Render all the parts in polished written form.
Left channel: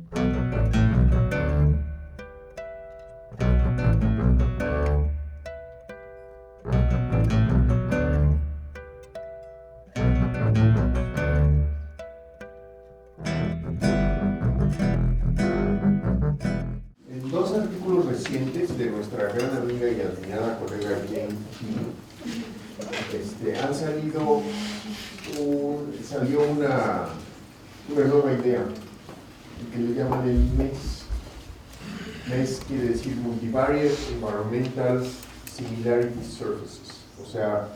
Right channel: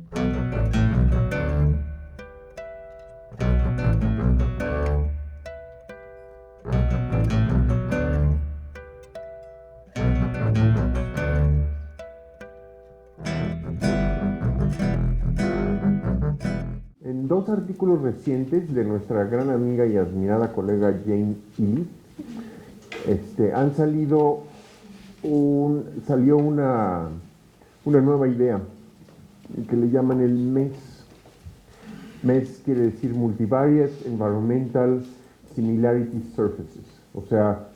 En dos artículos recientes de nuestra gran amiga y admirada colega Jane Key, salió una nueva idea que le llaman el MES. MES quiere decir Multivariate Environmental Similarity Surfaces, o sea,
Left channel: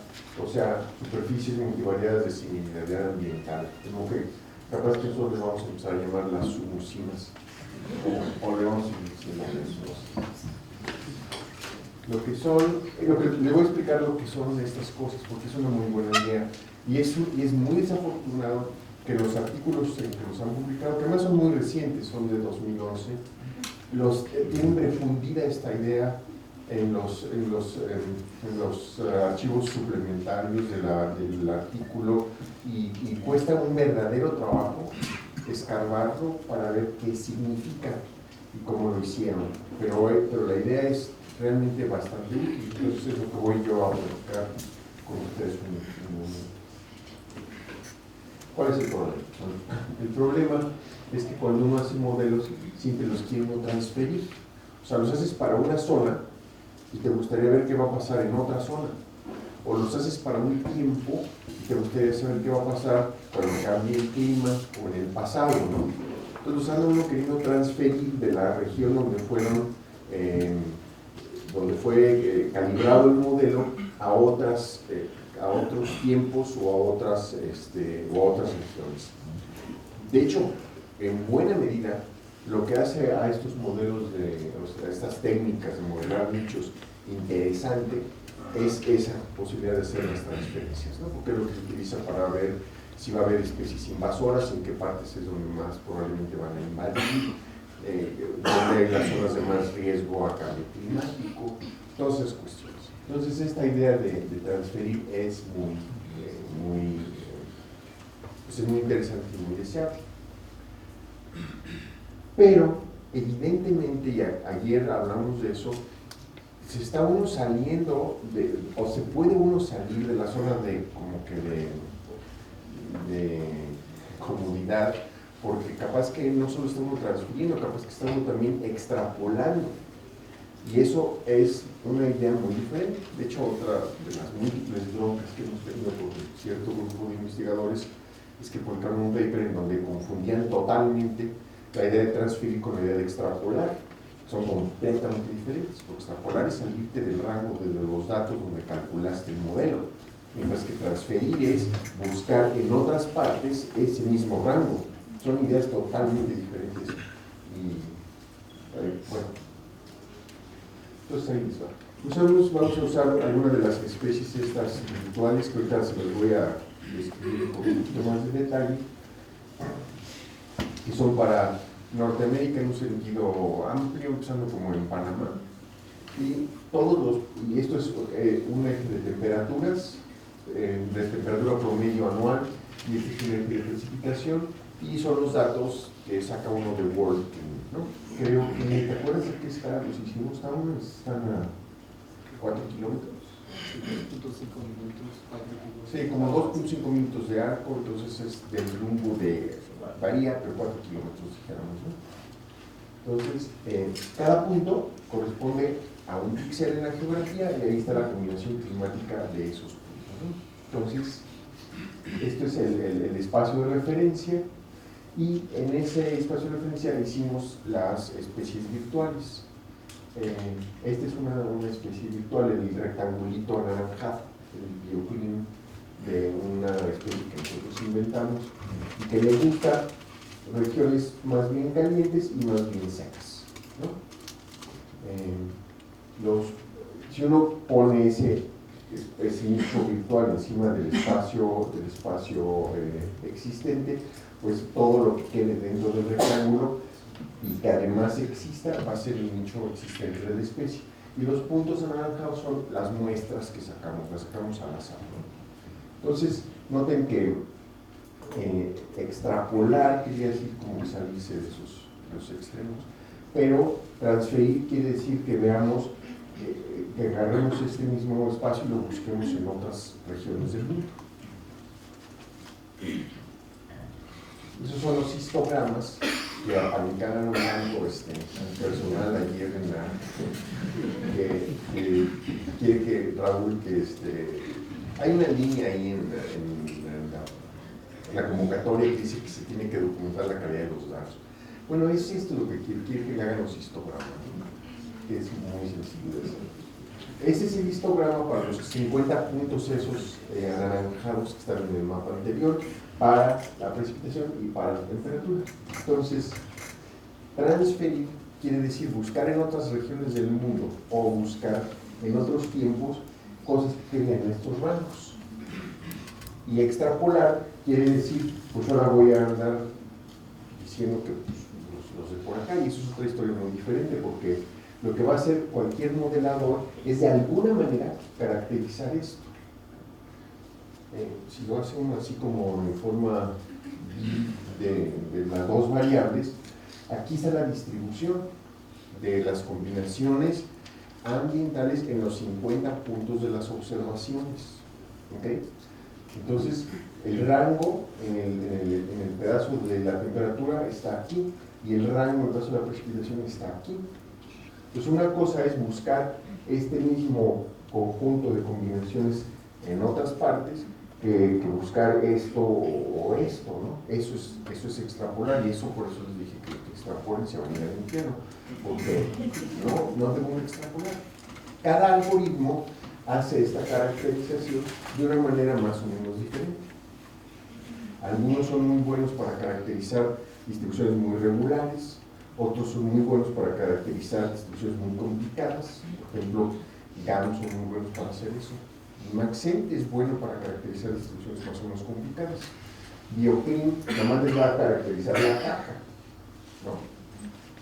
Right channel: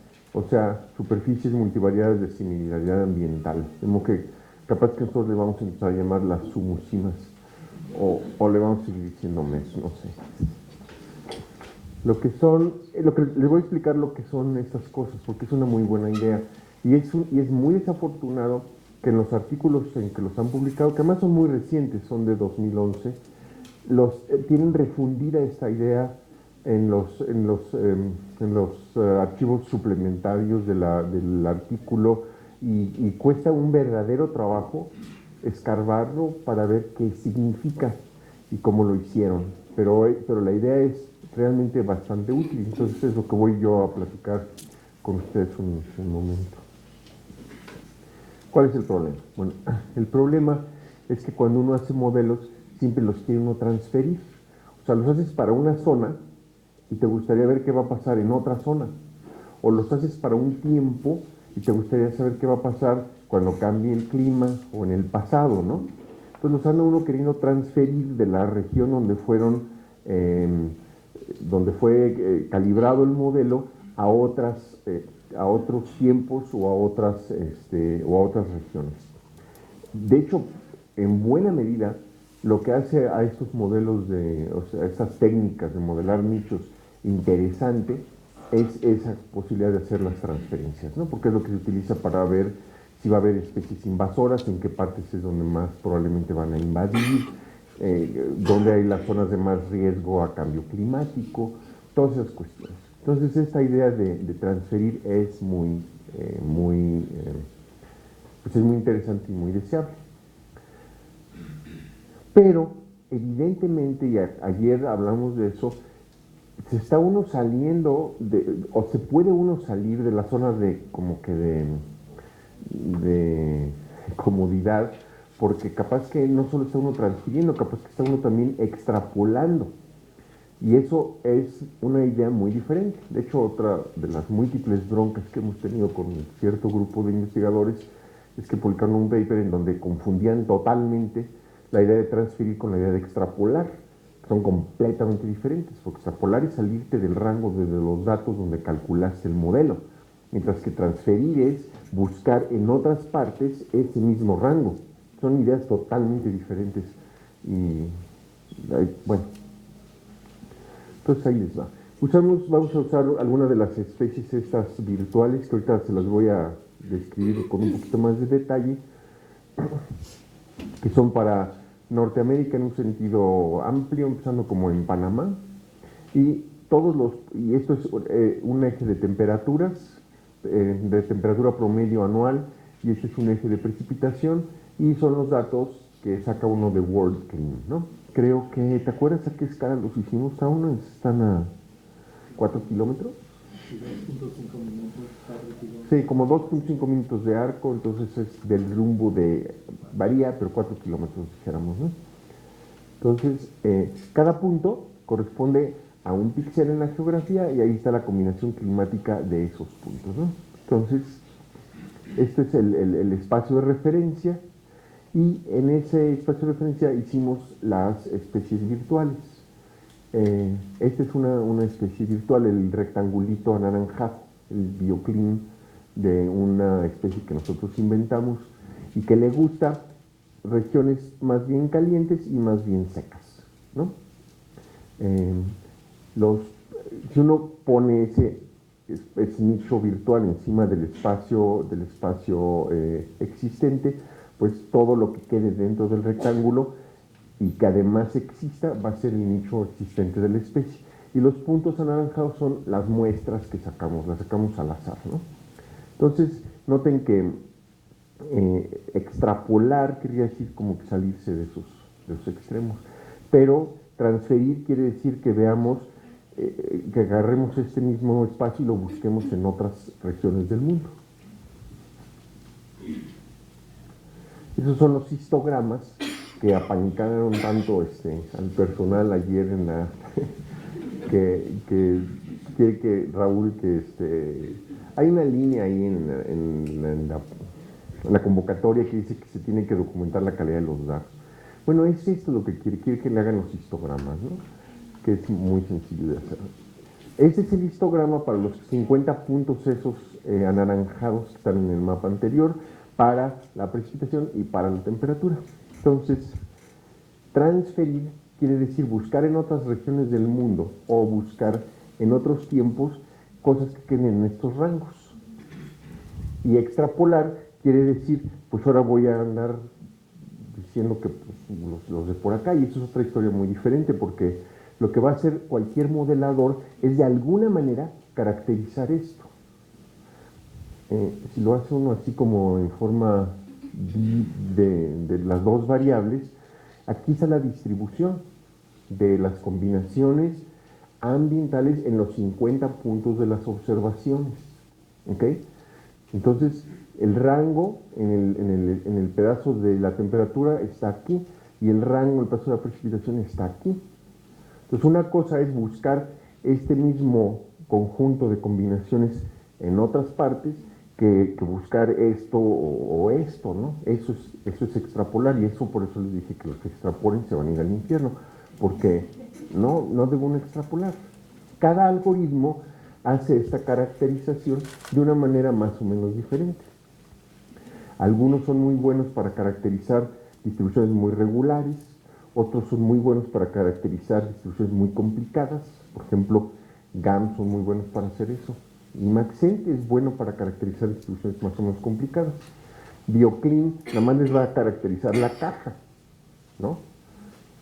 superficies multivariadas de similaridad ambiental. Como que capaz que nosotros le vamos a empezar a llamar las sumusimas, o le vamos a seguir diciendo MES, no sé. Les voy a explicar lo que son estas cosas, porque es una muy buena idea. Y es muy desafortunado que los artículos en que los han publicado, que además son muy recientes, son de 2011, tienen refundida esta idea en los archivos suplementarios del artículo y cuesta un verdadero trabajo escarbarlo para ver qué significa y cómo lo hicieron. Pero la idea es realmente bastante útil, entonces es lo que voy yo a platicar con ustedes un momento. ¿Cuál es el problema? Bueno, el problema es que cuando uno hace modelos, siempre los quiere uno transferir. O sea, los haces para una zona y te gustaría ver qué va a pasar en otra zona. O los haces para un tiempo y te gustaría saber qué va a pasar cuando cambie el clima o en el pasado, ¿no? Entonces los anda uno queriendo transferir de la región donde fue calibrado el modelo a otros tiempos o a otras regiones. De hecho, en buena medida, lo que hace a estos modelos, a estas técnicas de modelar nichos interesante es esa posibilidad de hacer las transferencias, ¿no? Porque es lo que se utiliza para ver si va a haber especies invasoras, en qué partes es donde más probablemente van a invadir, dónde hay las zonas de más riesgo a cambio climático, todas esas cuestiones. Entonces esta idea de transferir es muy interesante y muy deseable. Pero evidentemente, y ayer hablamos de eso, se está uno saliendo o se puede uno salir de la zona de comodidad, porque capaz que no solo está uno transfiriendo, capaz que está uno también extrapolando. Y eso es una idea muy diferente. De hecho, otra de las múltiples broncas que hemos tenido con cierto grupo de investigadores es que publicaron un paper en donde confundían totalmente la idea de transferir con la idea de extrapolar. Son completamente diferentes, porque extrapolar es salirte del rango de los datos donde calculaste el modelo, mientras que transferir es buscar en otras partes ese mismo rango. Son ideas totalmente diferentes. Y bueno, entonces ahí les va. Muchas vamos a usar algunas de las especies estas virtuales, que ahorita se las voy a describir con un poquito más de detalle, que son para Norteamérica en un sentido amplio, empezando como en Panamá, y esto es un eje de temperaturas, de temperatura promedio anual, y este es un eje de precipitación, y son los datos que saca uno de World Climate, ¿no? Creo que, ¿te acuerdas a qué escala los hicimos? Aún están a 4 kilómetros. Sí, como 2.5 minutos de arco, entonces es del rumbo varía, pero 4 kilómetros, dijéramos, ¿no? Entonces, cada punto corresponde a un píxel en la geografía y ahí está la combinación climática de esos puntos, ¿no? Entonces, esto es el espacio de referencia y en ese espacio de referencia hicimos las especies virtuales. Esta es una especie virtual, el rectangulito anaranjado, el bioclim de una especie que nosotros inventamos y que le gusta regiones más bien calientes y más bien secas, ¿no? Si uno pone ese nicho virtual encima del espacio existente, pues todo lo que quede dentro del rectángulo y que además exista va a ser el nicho existente de la especie. Y los puntos anaranjados son las muestras que las sacamos al azar, ¿no? Entonces, noten que extrapolar quería decir como que salirse de esos los extremos. Pero transferir quiere decir que veamos, que agarremos este mismo espacio y lo busquemos en otras regiones del mundo. Esos son los histogramas que apanicaron tanto al personal ayer en la que quiere que Raúl hay una línea ahí en la convocatoria que dice que se tiene que documentar la calidad de los datos. Bueno, es esto lo que quiere que le hagan los histogramas, ¿no? Que es muy sencillo de hacer. Ese es el histograma para los 50 puntos esos anaranjados que están en el mapa anterior, para la precipitación y para la temperatura. Entonces, transferir quiere decir buscar en otras regiones del mundo o buscar en otros tiempos cosas que queden en estos rangos. Y extrapolar quiere decir, pues ahora voy a andar diciendo que pues, los de por acá, y eso es otra historia muy diferente, porque lo que va a hacer cualquier modelador es de alguna manera caracterizar esto. Si lo hace uno así como en forma de las dos variables, aquí está la distribución de las combinaciones ambientales en los 50 puntos de las observaciones. ¿Ok? Entonces, el rango en el pedazo de la temperatura está aquí, y el rango en el pedazo de la precipitación está aquí. Entonces, una cosa es buscar este mismo conjunto de combinaciones en otras partes, que buscar esto o esto, ¿no? Eso es extrapolar, y eso por eso les dije que los que extrapolen se van a ir al infierno, porque no deben extrapolar. Cada algoritmo hace esta caracterización de una manera más o menos diferente. Algunos son muy buenos para caracterizar distribuciones muy regulares, otros son muy buenos para caracterizar distribuciones muy complicadas. Por ejemplo, GAN son muy buenos para hacer eso. Y Maxent es bueno para caracterizar distribuciones más o menos complicadas. Bioclim nada más les va a caracterizar la caja, ¿no?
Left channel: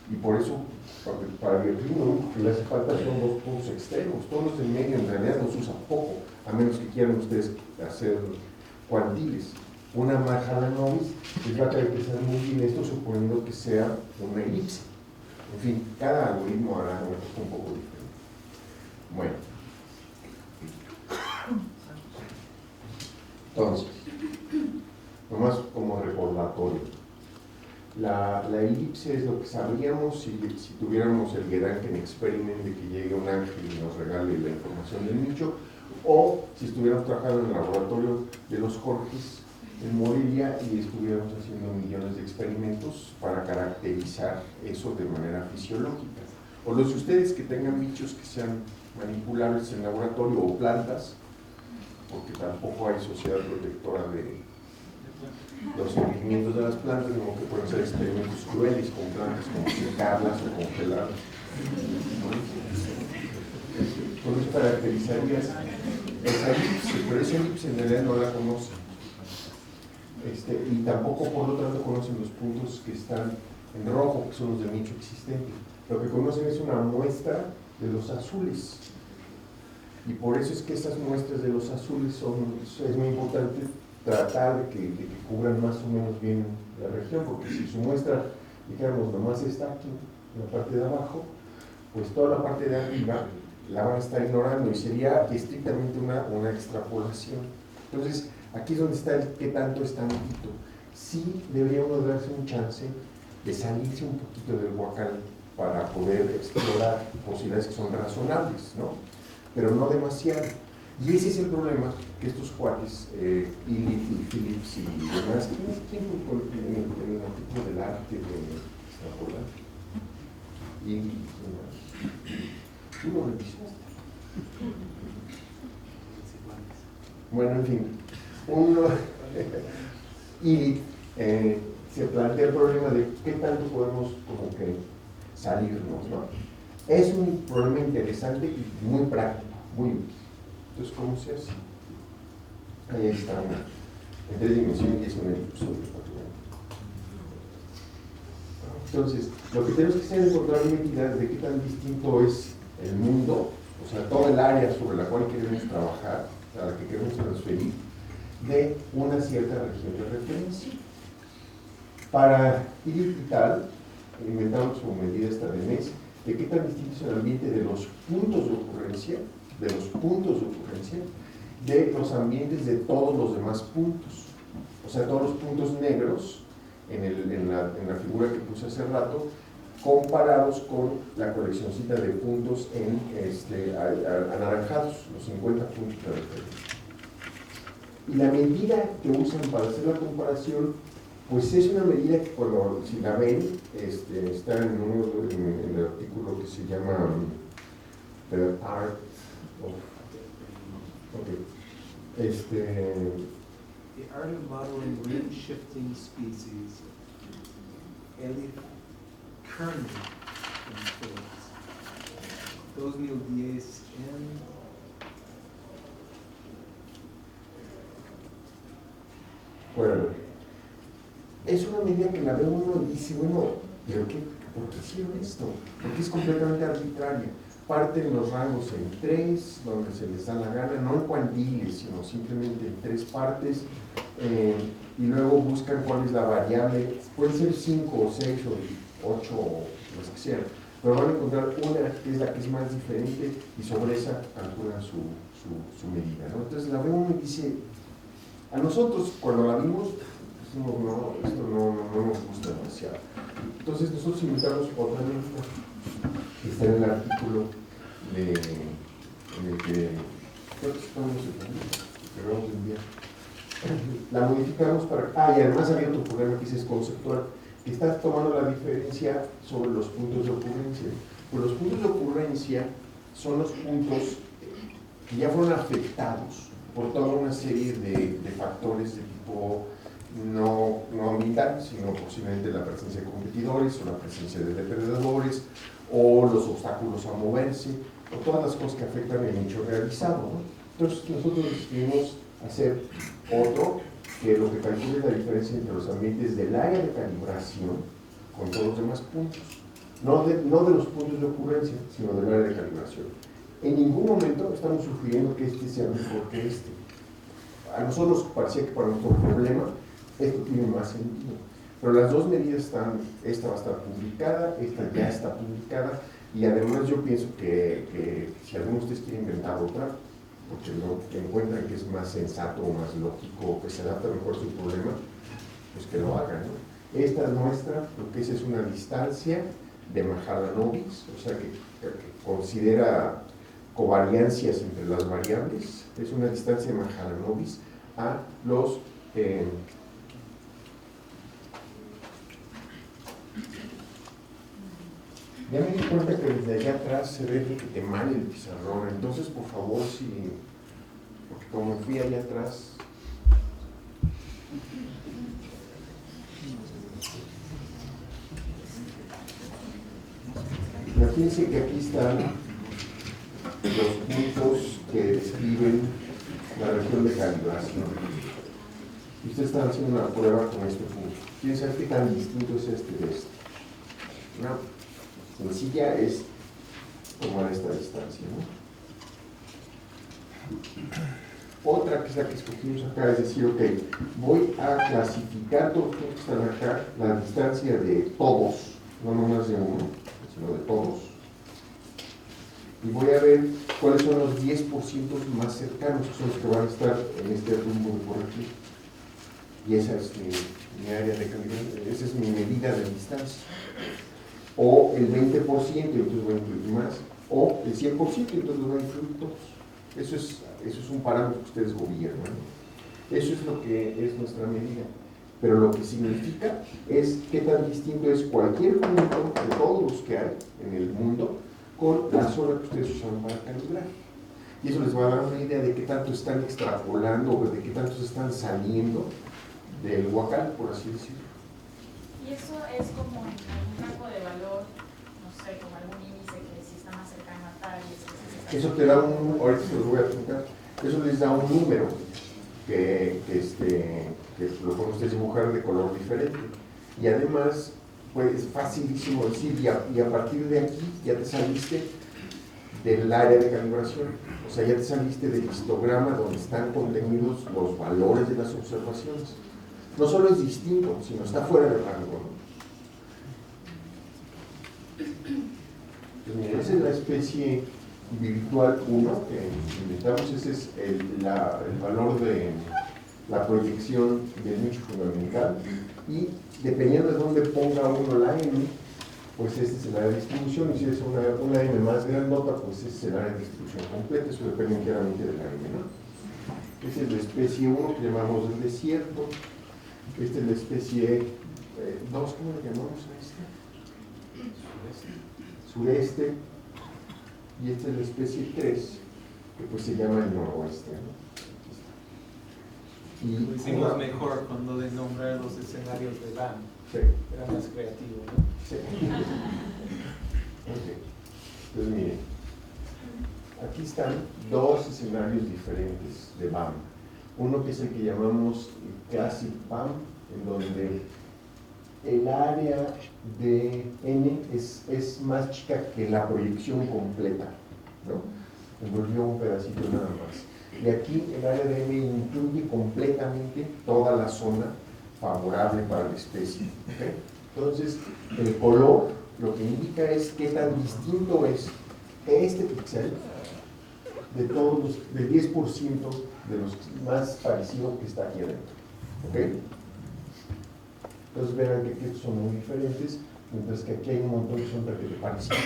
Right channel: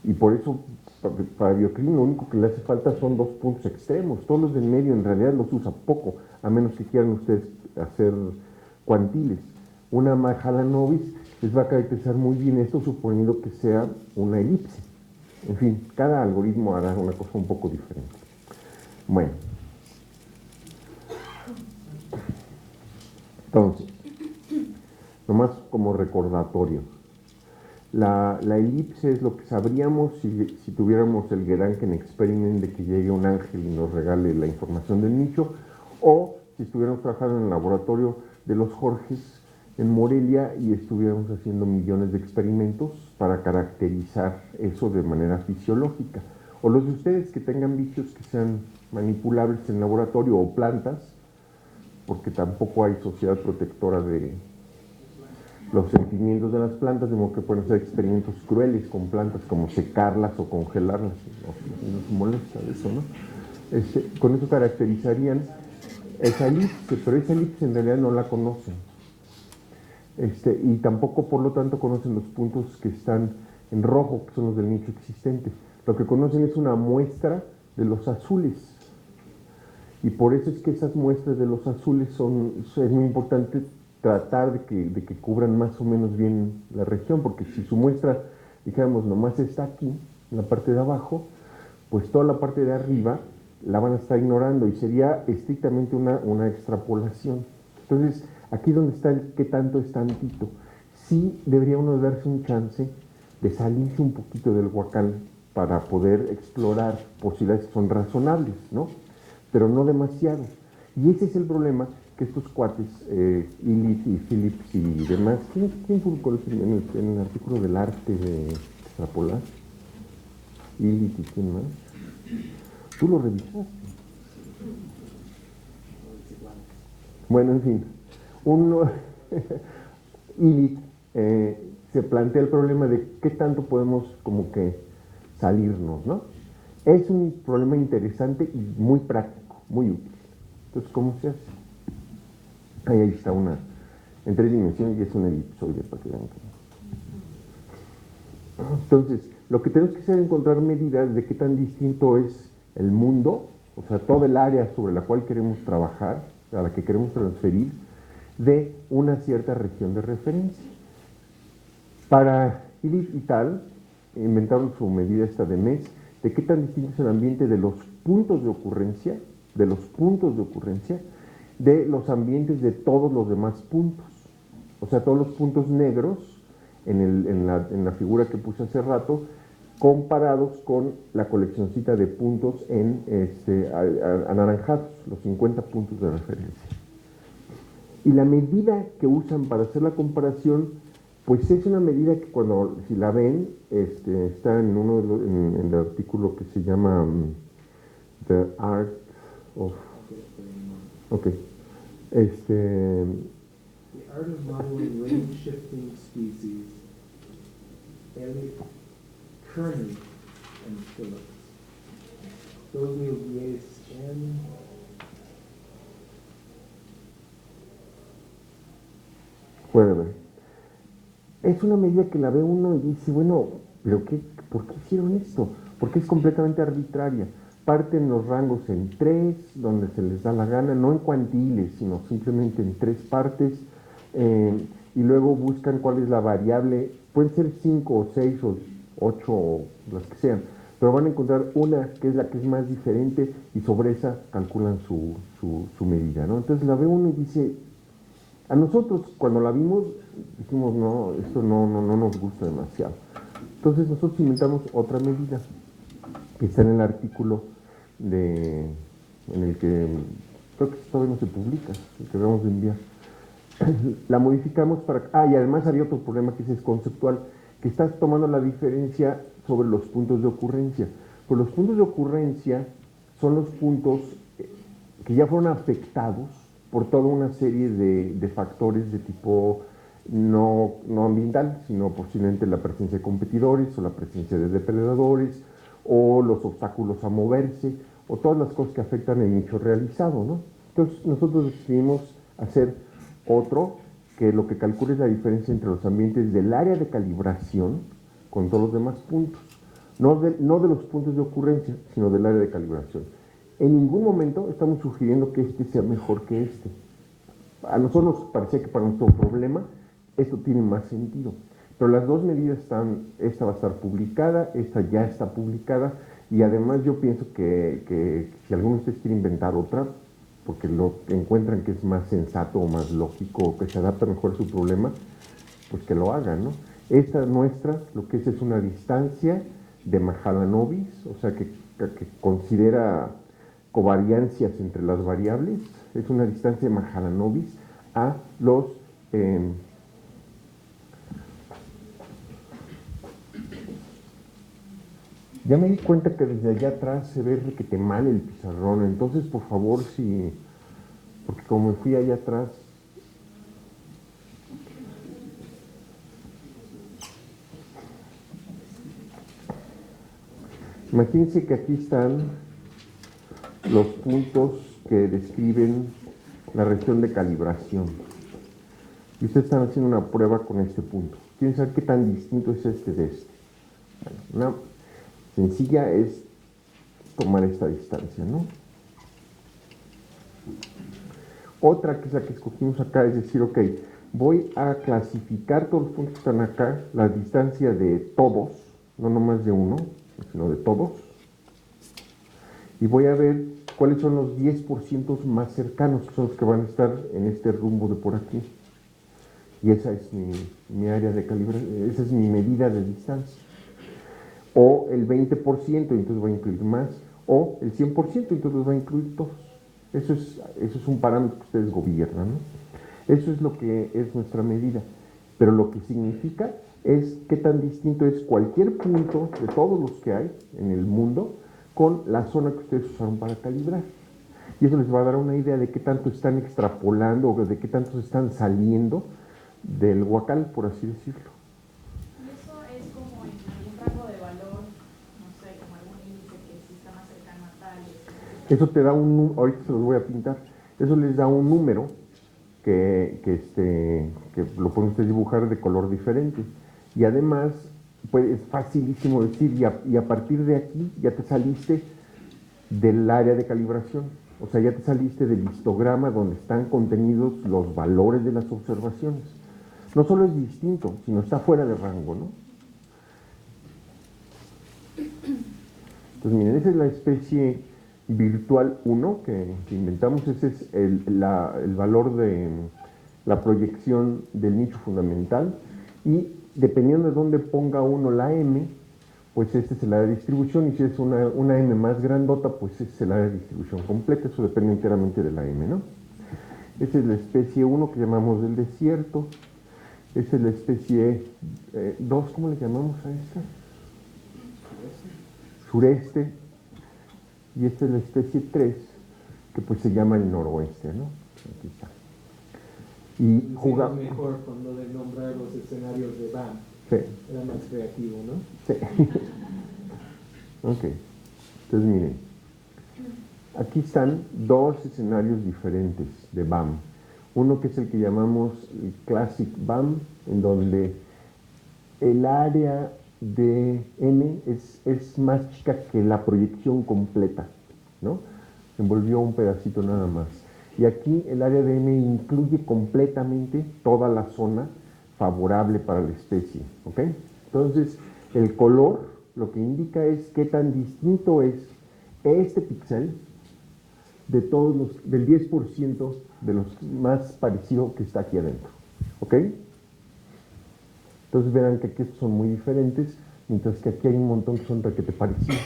Y por eso, para Bioclim lo único que le hace falta son dos puntos extremos. Todos los del medio en realidad los usa poco, a menos que quieran ustedes hacer cuantiles. Una Mahalanobis les va a caracterizar muy bien esto, suponiendo que sea una elipse. En fin, cada algoritmo hará una cosa un poco diferente. Bueno. Entonces, nomás como recordatorio, la elipse es lo que sabríamos si tuviéramos el Gedanken Experiment de que llegue un ángel y nos regale la información del nicho, o si estuviéramos trabajando en el laboratorio de los Jorges en Morelia y estuviéramos haciendo millones de experimentos para caracterizar eso de manera fisiológica. O los de ustedes que tengan bichos que sean manipulables en laboratorio o plantas, porque tampoco hay sociedad protectora de los sentimientos de las plantas, de modo que pueden ser experimentos crueles con plantas, como secarlas o congelarlas, como eso, ¿no? Con eso caracterizarían esa elipse, pero esa elipse en realidad no la conocen. Y tampoco, por lo tanto, conocen los puntos que están en rojo, que son los del nicho existente. Lo que conocen es una muestra de los azules. Y por eso es que esas muestras de los azules es muy importante tratar de que cubran más o menos bien la región, porque si su muestra, dijéramos, nomás está aquí, en la parte de abajo, pues toda la parte de arriba la van a estar ignorando y sería estrictamente una extrapolación. Entonces, aquí es donde está el qué tanto es tantito. Sí debería uno darse un chance de salirse un poquito del huacal para poder explorar posibilidades que son razonables, ¿no? Pero no demasiado. Y ese es el problema que estos cuates, Illich y Phillips y demás, ¿quién publicó en el artículo del arte de extrapolar? Illich y quién más. ¿Tú lo revisaste? Bueno, en fin, Illich se plantea el problema de qué tanto podemos como que salirnos, ¿no? Es un problema interesante y muy práctico, muy útil. Entonces, ¿cómo se hace? Ahí está una en 3 dimensiones y es un elipsoide prácticamente. Entonces, lo que tenemos que hacer es encontrar medidas de qué tan distinto es el mundo, o sea, todo el área sobre la cual queremos trabajar, a la que queremos transferir, de una cierta región de referencia. Para Illich y tal, inventaron su medida esta de NES, de qué tan distinto es el ambiente de los puntos de ocurrencia, de los ambientes de todos los demás puntos. O sea, todos los puntos negros en la figura que puse hace rato, comparados con la coleccioncita de puntos anaranjados, los 50 puntos de referencia. Y la medida que usan para hacer la comparación, pues es una medida que cuando, si la ven, está en el artículo que se llama The Art of... Ok. The Art of Modeling Range Shifting Species, Elliot Kerman and Phillips. 2010 Bueno, es una medida que la ve uno y dice, bueno, pero ¿por qué hicieron esto? Porque es completamente arbitraria. Parten los rangos en 3, donde se les da la gana, no en cuantiles, sino simplemente en 3 partes, y luego buscan cuál es la variable, pueden ser 5 o 6 o 8 o las que sean, pero van a encontrar una que es la que es más diferente y sobre esa calculan su medida, ¿no? Entonces la ve uno y dice, a nosotros cuando la vimos, dijimos, no, esto no nos gusta demasiado. Entonces nosotros inventamos otra medida, que está en el artículo en el que creo que todavía no se publica, el que vamos a enviar. La modificamos para... y además había otro problema que es conceptual, que estás tomando la diferencia sobre los puntos de ocurrencia. Pues los puntos de ocurrencia son los puntos que ya fueron afectados por toda una serie de factores de tipo no ambiental, sino posiblemente la presencia de competidores o la presencia de depredadores o los obstáculos a moverse o todas las cosas que afectan el hecho realizado, ¿no? Entonces nosotros decidimos hacer otro que lo que calcule es la diferencia entre los ambientes del área de calibración con todos los demás puntos, no de los puntos de ocurrencia, sino del área de calibración. En ningún momento estamos sugiriendo que este sea mejor que este. A nosotros parecía que para nuestro problema esto tiene más sentido. Pero las dos medidas están, esta va a estar publicada, esta ya está publicada, y además yo pienso que si alguno de ustedes quiere inventar otra, porque lo encuentran que es más sensato o más lógico, que se adapta mejor a su problema, pues que lo hagan, ¿no? Esta nuestra, lo que es una distancia de Mahalanobis, o sea que considera covariancias entre las variables, es una distancia de Mahalanobis a los... ya me di cuenta que desde allá atrás se ve que te mal el pizarrón, entonces por favor, porque como fui allá atrás, imagínense que aquí están los puntos que describen la región de calibración. Y ustedes están haciendo una prueba con este punto. Piensa qué tan distinto es este de este. Una sencilla es tomar esta distancia, ¿no? Otra que es la que discutimos acá es decir, ok, voy a clasificar todos los puntos que están acá, la distancia de todos, no nomás de uno, sino de todos, y voy a ver cuáles son los 10% más cercanos, que son los que van a estar en este rumbo de por aquí. Y esa es mi área de calibración, esa es mi medida de distancia. O el 20%, y entonces voy a incluir más, o el 100%, y entonces voy a incluir todos. Eso es un parámetro que ustedes gobiernan, ¿no? Eso es lo que es nuestra medida. Pero lo que significa es qué tan distinto es cualquier punto de todos los que hay en el mundo con la zona que ustedes usan para calibrar. Y eso les va a dar una idea de qué tanto están extrapolando o de qué tanto están saliendo del huacal, por así decirlo. Y eso es como en el rango de valor, no sé, como algún índice que si está más cercano a tal y eso te da ahorita se los voy a pintar, eso les da un número que lo pueden ustedes dibujar de color diferente. Y además, pues es facilísimo decir, y a partir de aquí ya te saliste del área de calibración. O sea, ya te saliste del histograma donde están contenidos los valores de las observaciones. No solo es distinto, sino está fuera del rango, ¿no? Pues miren, esa es la especie virtual 1 que inventamos. Ese es el valor de la proyección del nicho fundamental. Y dependiendo de dónde ponga uno la M, pues este es el área de distribución. Y si es una M más grandota, pues este es el área de distribución completa. Eso depende enteramente de la M, ¿no? Esta es la especie 1 que llamamos el desierto. Esta es la especie 2, ¿cómo le llamamos a esta? Sureste. Y esta es la especie 3, que pues se llama el noroeste, ¿no? Aquí está. Y Lo hicimos mejor cuando de nombrar los escenarios de BAM. Sí. Era más creativo, ¿no? Sí. Ok. Entonces, miren. Aquí están dos escenarios diferentes de BAM. Uno que es el que llamamos Classic BAM, en donde el área de N es más chica que la proyección completa, ¿no? Envolvió un pedacito nada más. Y aquí el área de N incluye completamente toda la zona favorable para la especie, ¿ok? Entonces, el color lo que indica es qué tan distinto es este píxel de todos del 10% de los más parecidos que está aquí adentro, ¿ok? Entonces verán que aquí estos son muy diferentes, mientras que aquí hay un montón que son requete parecidos.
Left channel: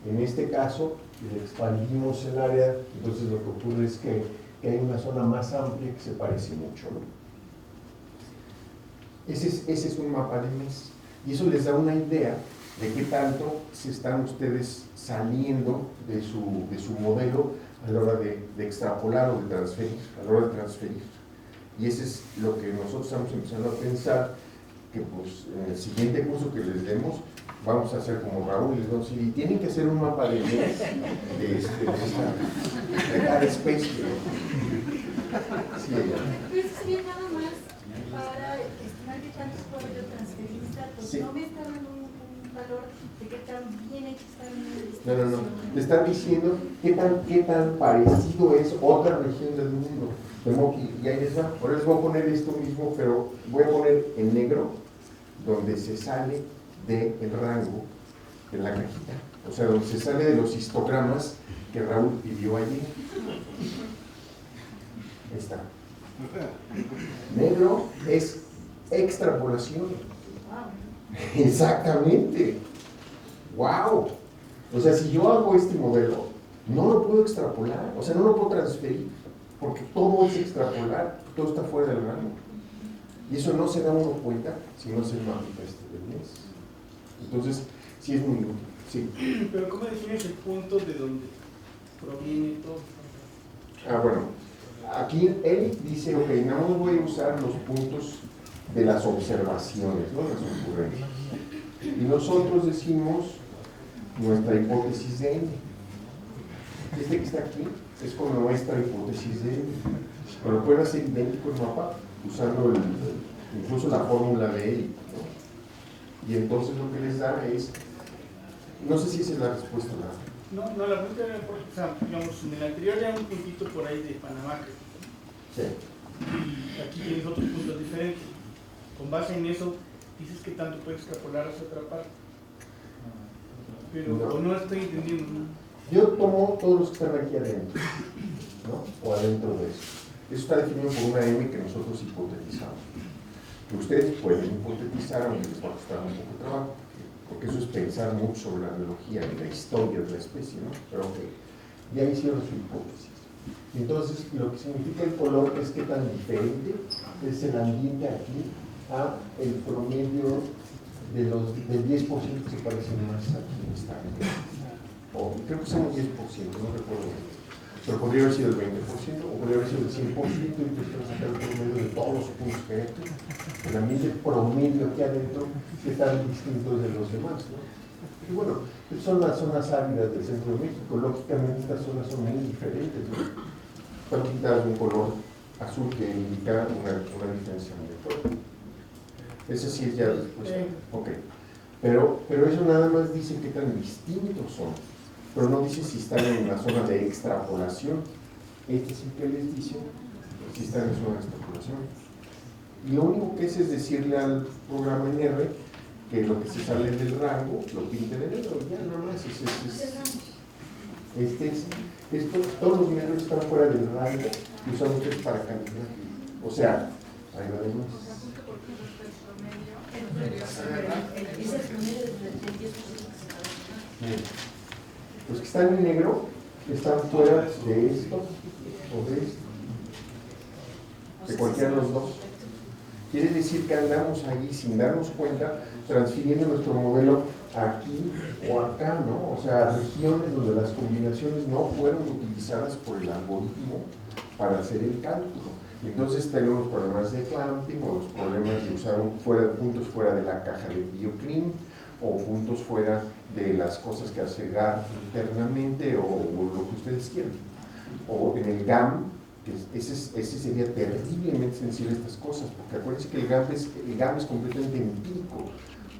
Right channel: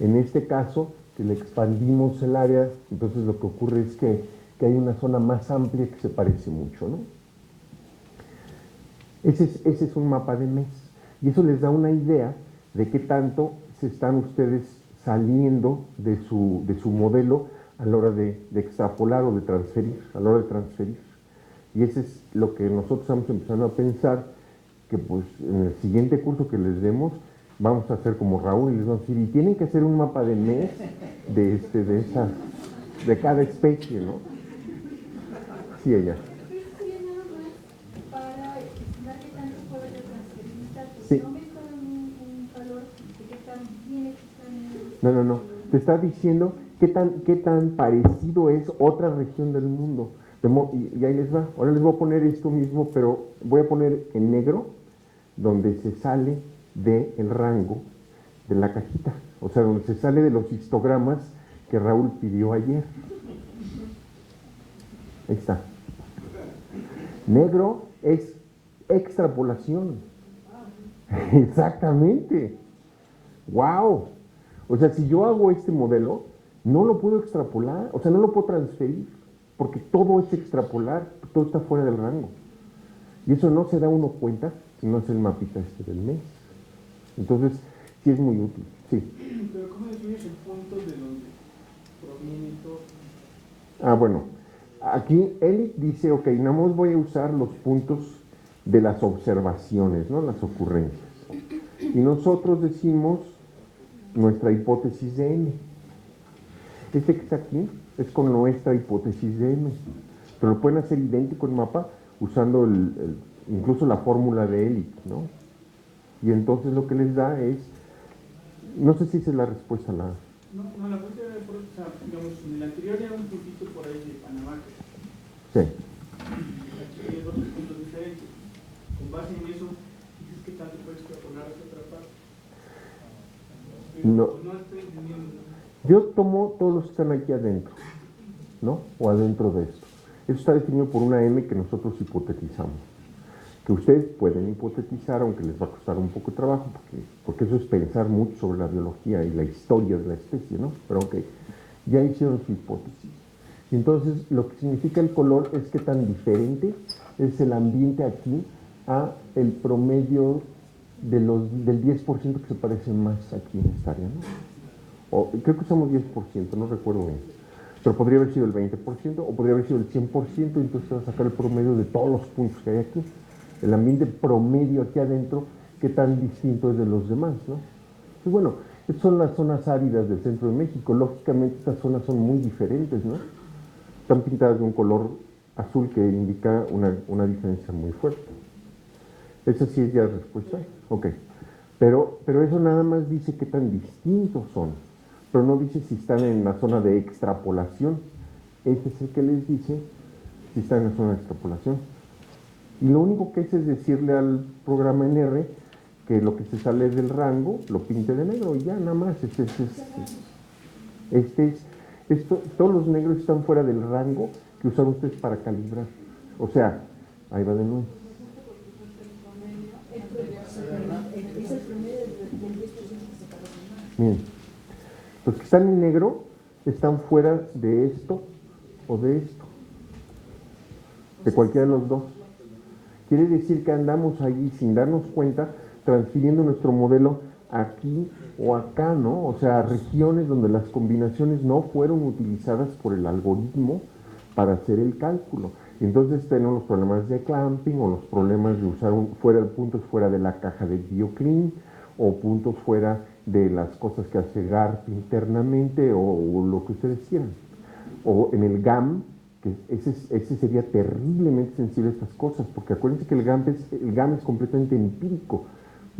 En este caso, que le expandimos el área, entonces lo que ocurre es que hay una zona más amplia que se parece mucho, ¿no? Ese es un mapa de mes, y eso les da una idea de qué tanto se están ustedes saliendo de su modelo a la hora de extrapolar o de transferir, a la hora de transferir. Y eso es lo que nosotros estamos empezando a pensar, que pues en el siguiente curso que les demos, vamos a hacer como Raúl y les vamos a decir, y tienen que hacer un mapa de mes de cada especie, ¿no? Sí, ella. Pero eso sería nada más para estimar qué tanto es poder de transferencia, pues Sí. no me está dando un valor de qué tan bien hecho están en el No. Te está diciendo qué tan parecido es otra región del mundo. Y ahí les va. Ahora les voy a poner esto mismo, pero voy a poner en negro, donde se sale del rango de la cajita. O sea, donde se sale de los histogramas que Raúl pidió ayer. Ahí está. Negro es extrapolación. Exactamente. ¡Wow! O sea, si yo hago este modelo, no lo puedo extrapolar, o sea, no lo puedo transferir, porque todo es extrapolar, todo está fuera del rango. Y eso no se da uno cuenta si no es el mapita este del mes. Entonces, sí es muy útil. Sí. Pero ¿cómo defines el punto de donde proviene todo? Ah, bueno. Aquí él dice, ok, nada más voy a usar los puntos de las observaciones, ¿no? Las ocurrencias. Y nosotros decimos nuestra hipótesis de N. Este que está aquí es con nuestra hipótesis de N. Pero pueden hacer idéntico el mapa usando incluso la fórmula de L, ¿no? Y entonces lo que les da es, no sé si esa es la respuesta a la... No, la pregunta era, o sea, digamos, en el anterior ya un puntito por ahí de Panamá, Sí. y aquí tienes otros puntos diferentes. Con base en eso, dices que tanto puedes extrapolar hacia otra parte. Pero no estoy entendiendo, ¿no? Yo tomo todos los que están aquí adentro, ¿no? O adentro de eso. Eso está definido por una M que nosotros hipotetizamos. Que ustedes pueden hipotetizar, aunque les va a costar un poco de trabajo, porque eso es pensar mucho sobre la biología y la historia de la especie, ¿no? Pero ok, ya hicieron su hipótesis. Entonces, lo que significa el color es que tan diferente es el ambiente aquí a el promedio del 10% que se parecen más aquí en esta área. O creo que somos 10%, no recuerdo bien. Pero podría haber sido el 20%, o podría haber sido el 100%, entonces vamos a sacar el promedio de todos los puntos que hay aquí. El ambiente promedio aquí adentro, qué tan distinto es de los demás, ¿no? Y bueno, estas son las zonas áridas del centro de México. Lógicamente estas zonas son muy diferentes, ¿no? Están pintadas de un color azul que indica una diferencia muy fuerte. Eso sí es ya respuesta. Ok. Pero eso nada más dice qué tan distintos son. Pero no dice si están en la zona de extrapolación. Este es el que les dice si están en la zona de extrapolación. Y lo único que es decirle al programa en R que lo que se sale del rango lo pinte de negro y ya nada más. Todos los negros están fuera del rango y usan ustedes para calibrar. O sea, ahí va de nuevo. Bien. Los que están en negro están fuera de esto o de esto, de cualquiera de los dos. Quiere decir que andamos ahí sin darnos cuenta, transfiriendo nuestro modelo aquí o acá, ¿no? O sea, regiones donde las combinaciones no fueron utilizadas por el algoritmo para hacer el cálculo. Y entonces tenemos los problemas de clamping o los problemas de usar puntos fuera de la caja de BioClean o puntos fuera de las cosas que hace GAR internamente o lo que ustedes quieran. O en el GAM, ese sería terriblemente sensible a estas cosas, porque acuérdense que el GAM es completamente empírico,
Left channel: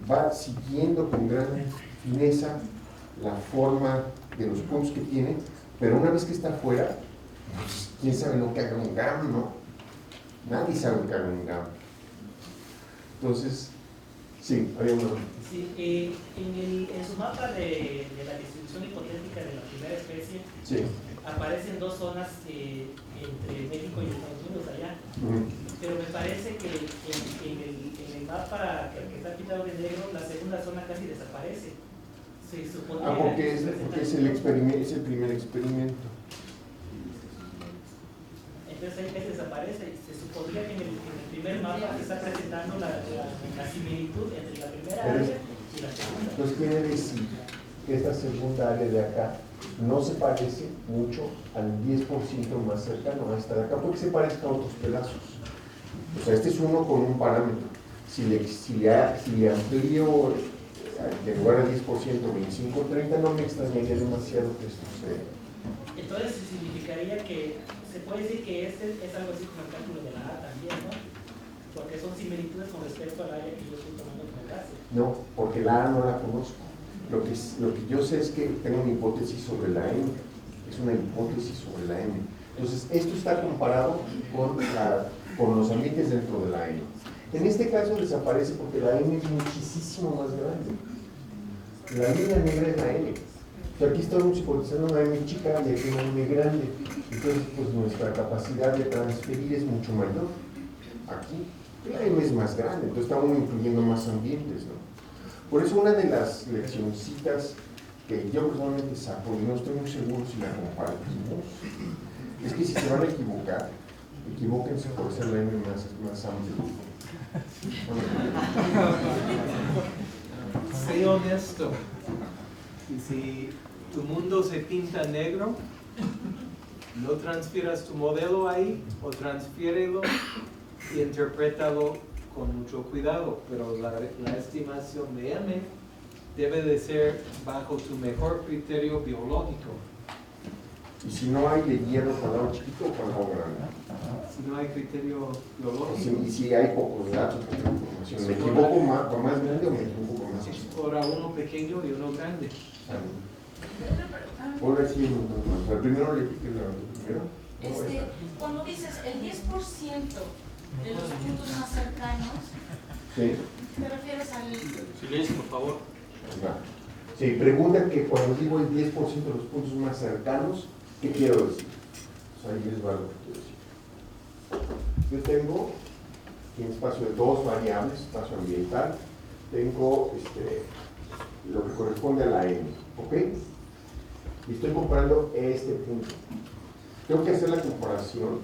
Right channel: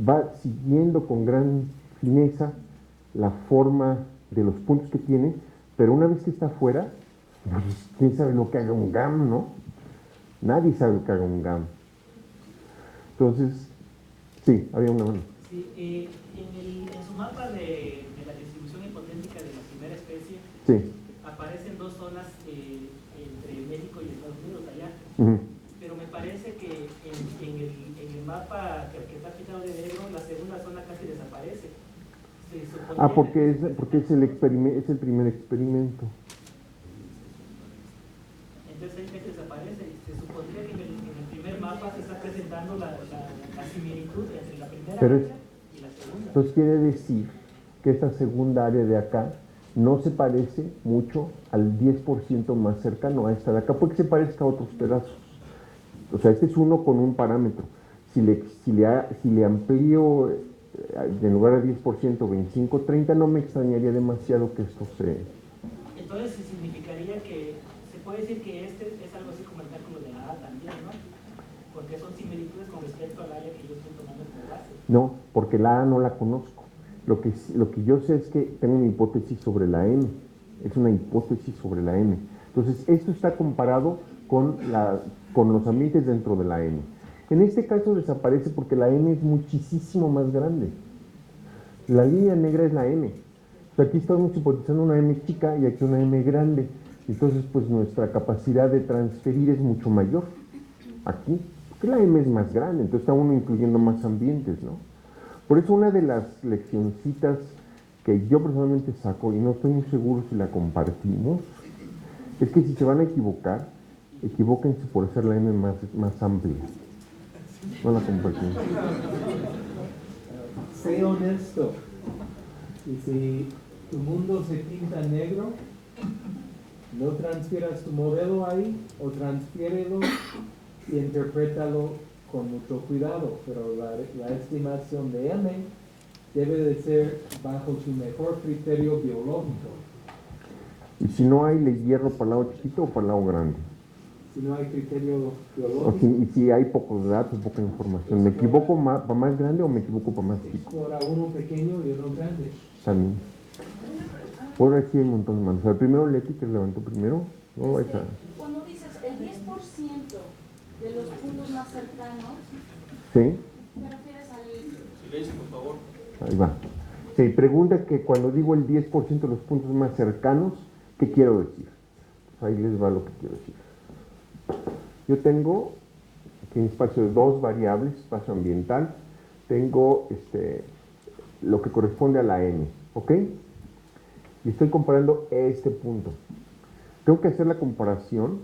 va siguiendo con gran fineza la forma de los puntos que tiene, pero una vez que está afuera, pues, ¿quién sabe lo que haga un GAM, no? Nadie sabe lo que haga un GAM. Entonces, sí, había una... Sí, en su mapa de la distribución hipotética de la primera especie, sí, aparecen dos zonas entre México y Estados Unidos allá. Pero me parece que en el mapa que está pintado de negro, la segunda zona casi desaparece. porque es el primer experimento. Entonces ahí casi desaparece. Se supondría que en el primer mapa se está presentando la similitud entre la primera área y la segunda. Entonces quiere decir que esta segunda área de acá no se parece mucho al 10% más cercano a esta de acá, porque se parezca a otros pedazos. O sea, este es uno con un parámetro. Si le amplío en lugar de 10%, 25, 30, no me extrañaría demasiado que esto sea. Entonces significaría que se puede decir que este es algo así como el cálculo de la A también, ¿no? Porque son similitudes con respecto al área que yo estoy tomando como base. No, porque la A no la conozco. Lo que yo sé es que tengo una hipótesis sobre la M. Es una hipótesis sobre la M. Entonces, esto está comparado con los ambientes dentro de la M. En este caso desaparece porque la M es muchísimo más grande. La línea negra es la M. O sea, aquí estamos hipotizando una M chica y aquí una M grande. Entonces, pues nuestra capacidad de transferir es mucho mayor. Aquí, porque la M es más grande, entonces estamos incluyendo más ambientes, ¿no? Por eso una de las leccioncitas que yo personalmente saco, y no estoy muy seguro si la compartimos, es que si se van a equivocar, equivóquense por hacer la M más amplia. No la compartimos. Sé honesto. Y si tu mundo se pinta negro, no transfieras tu modelo ahí o transfiérelo y interprétalo con mucho cuidado, pero la estimación de M debe de ser bajo tu mejor criterio biológico. Y si no hay, le hierro para el lado chiquito o para el lado grande. Si no hay criterio biológico. Y si hay pocos datos, poca información. ¿Me equivoco para más grande o me equivoco para más chico? Explora uno pequeño y uno grande. También. Puedo ver si hay un montón de manos. O sea, primero Leti, que levantó primero. No, esa. Cuando dices el 10% de los puntos más cercanos, ¿Sí? ¿te refieres al...? Silencio, por favor. Ahí va. Sí, pregunta que cuando digo el 10% de los puntos más cercanos, ¿qué quiero decir? Pues ahí les va lo que quiero decir. Yo tengo aquí un espacio de dos variables, espacio ambiental, tengo lo que corresponde a la n, ¿ok? Y estoy comparando este punto. Tengo que hacer la comparación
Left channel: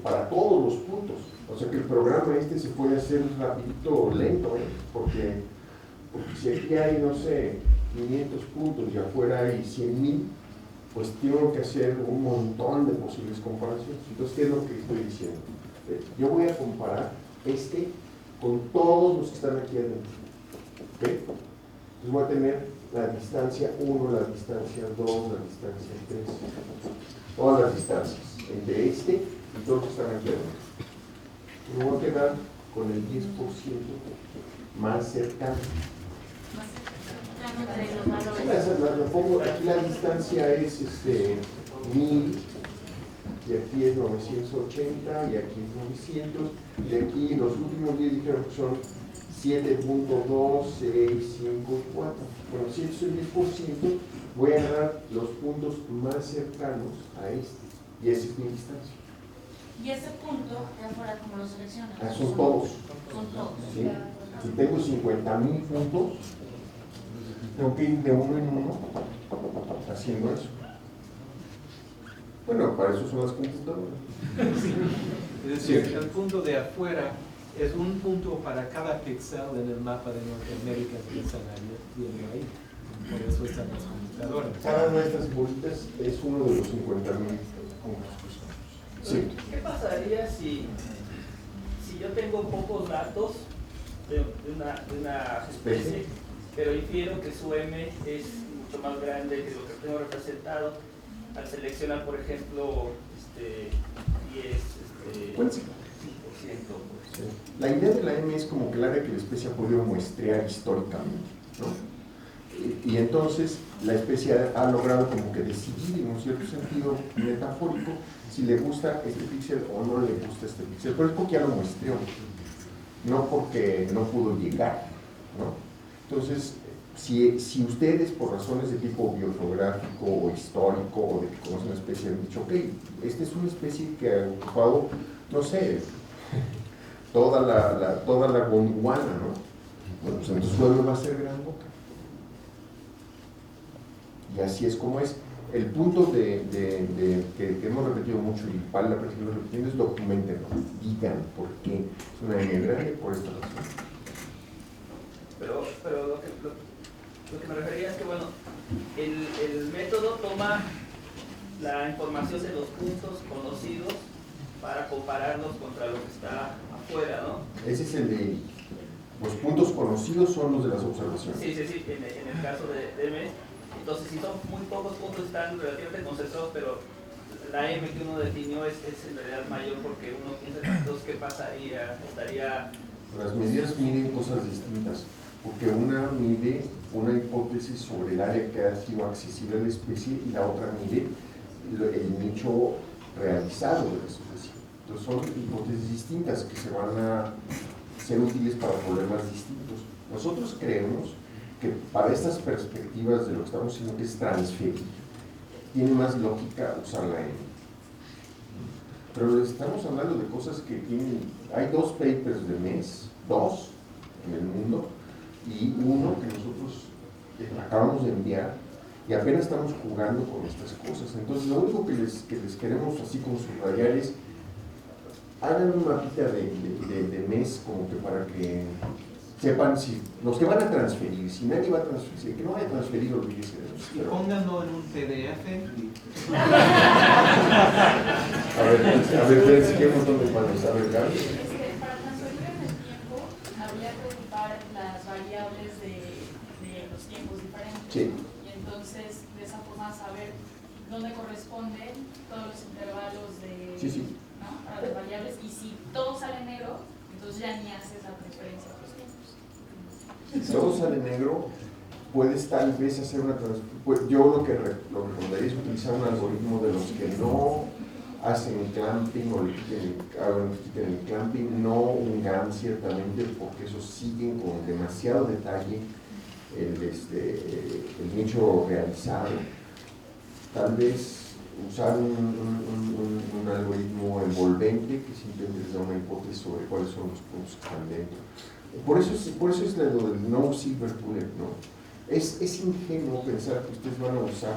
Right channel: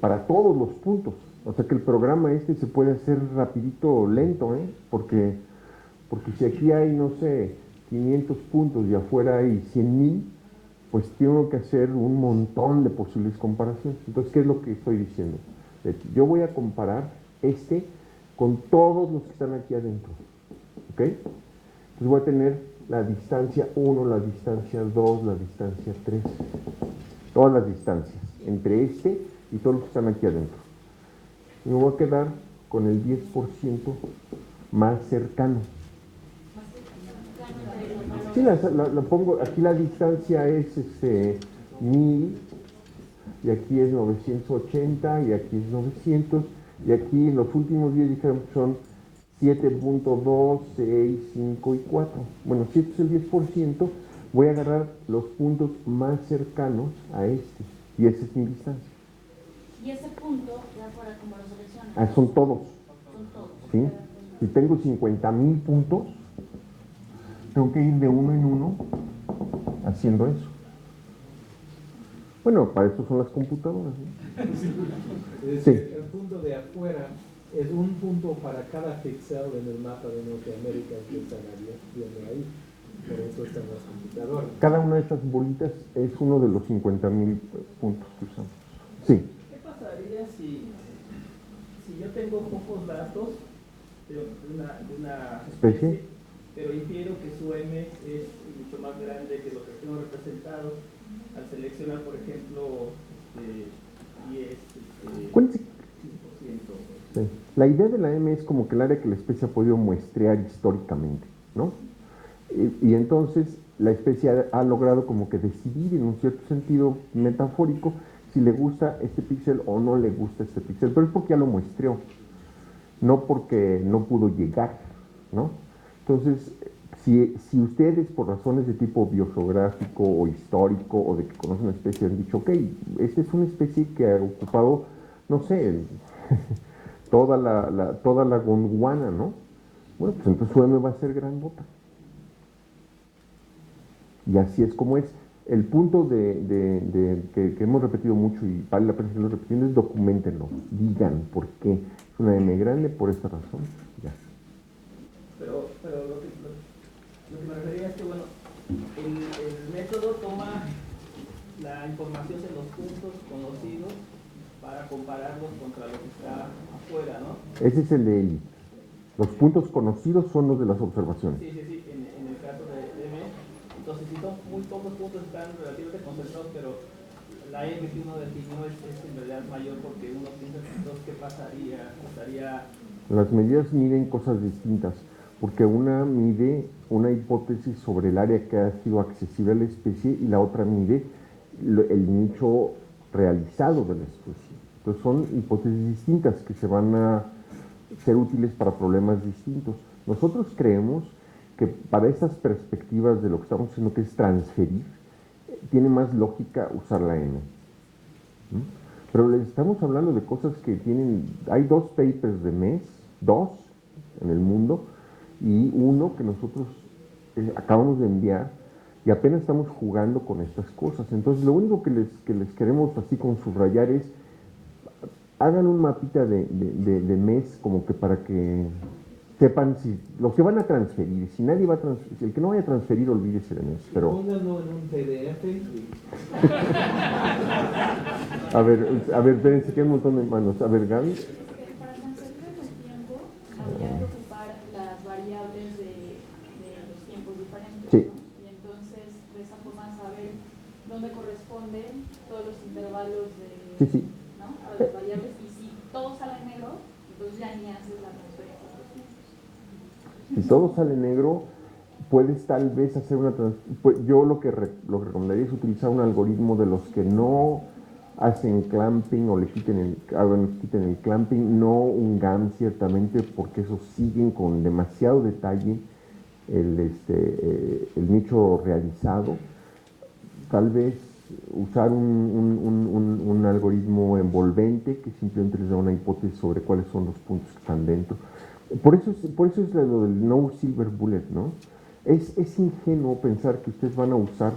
para todos los puntos. O sea que el programa se puede hacer rapidito o lento, porque si aquí hay, no sé, 500 puntos y afuera hay 100,000, pues tengo que hacer un montón de posibles comparaciones. Entonces, ¿qué es lo que estoy diciendo? Yo voy a comparar con todos los que están aquí adentro. ¿Ok? Entonces voy a tener la distancia 1, la distancia 2, la distancia 3. Todas las distancias entre y todos los que están aquí adentro. Y me voy a quedar con el 10% más cercano. Sí, lo pongo, aquí la distancia es 1000 y aquí es 980 y aquí es 900 y aquí los últimos 10 dijeron que son 7.2, 6, 5 y 4. Bueno, si esto es el 10%, voy a agarrar los puntos más cercanos a este. Y esa es mi distancia. Y ese punto, ya fuera como lo seleccionan. Son todos. Son todos. ¿Sí? Si tengo 50,000 puntos, tengo que ir de uno en uno haciendo eso. Bueno, para eso son las computadoras. Es decir, el punto de afuera es un punto para cada píxel en el mapa de Norteamérica que viene ahí. Por eso están las computadoras. Cada una de estas bolitas es uno de los 50,000 puntos que usamos. Sí. ¿Qué pasaría si yo tengo pocos datos de una especie, pero infiero que su M es mucho más grande que lo que tengo representado? Al seleccionar, por ejemplo, 10, 5%. Sí. La idea de la M es como que el área que la especie ha podido muestrear históricamente, ¿no? Y entonces la especie ha logrado como que decidir en un cierto sentido metafórico si le gusta este píxel o no le gusta este píxel, pero es porque ya lo muestreó, no porque no pudo llegar, ¿no? Entonces, si ustedes por razones de tipo biogeográfico o histórico o de que conocen la especie han dicho, ok, esta es una especie que ha ocupado, no sé, toda la Gondwana, ¿no? Bueno, pues entonces su M va a ser grandota. Y así es como es. El punto que hemos repetido mucho y vale la pena seguirlo repitiendo es documentenlo, digan por qué. Es una M grande por esta razón. Pero lo que me refería es que, bueno, el método toma la información de los puntos conocidos para compararlos contra lo que está afuera, ¿no? Ese es el de ahí. Los puntos conocidos son los de las observaciones. Sí, en el caso de M. Entonces, si son muy pocos puntos, están relativamente concentrados, pero la M que uno definió es en realidad mayor porque uno piensa, entonces, ¿qué pasaría? Las medidas miden cosas distintas, porque una mide una hipótesis sobre el área que ha sido accesible a la especie y la otra mide el nicho realizado de la especie. Entonces son hipótesis distintas que se van a ser útiles para problemas distintos. Nosotros creemos que para estas perspectivas de lo que estamos haciendo, que es transferir, tiene más lógica usar la M. Pero estamos hablando de cosas que tienen, hay 2 papers de MES, 2 en el mundo, y uno que nosotros acabamos de enviar, y apenas estamos jugando con estas cosas. Entonces lo único que les queremos así con subrayar es, hagan un mapita de MES como que para que sepan si los que van a transferir, si nadie va a transferir, si el que no vaya a transferir, olvídese de MES. Pero Pónganlo en un PDF. a ver, si tenemos unos manos. A ver, Gaby. Para transferir en el tiempo, habría que ocupar las variables de los tiempos diferentes. Sí. Y entonces, de esa forma, saber dónde corresponden todos los intervalos de, Sí. ¿no? Para las variables. Y si todo sale negro, entonces ya ni haces la transferencia a los tiempos. Si todo sale negro, puedes tal vez hacer una transferencia. Yo lo recomendaría es utilizar un algoritmo de los que no hacen clamping o le quiten el clamping, no un GAN ciertamente, porque esos siguen con demasiado detalle el nicho realizado. Tal vez usar un algoritmo envolvente que simplemente les da una hipótesis sobre cuáles son los puntos que están dentro. Por eso es lo del no silver bullet, ¿no? Es ingenuo pensar que ustedes van a usar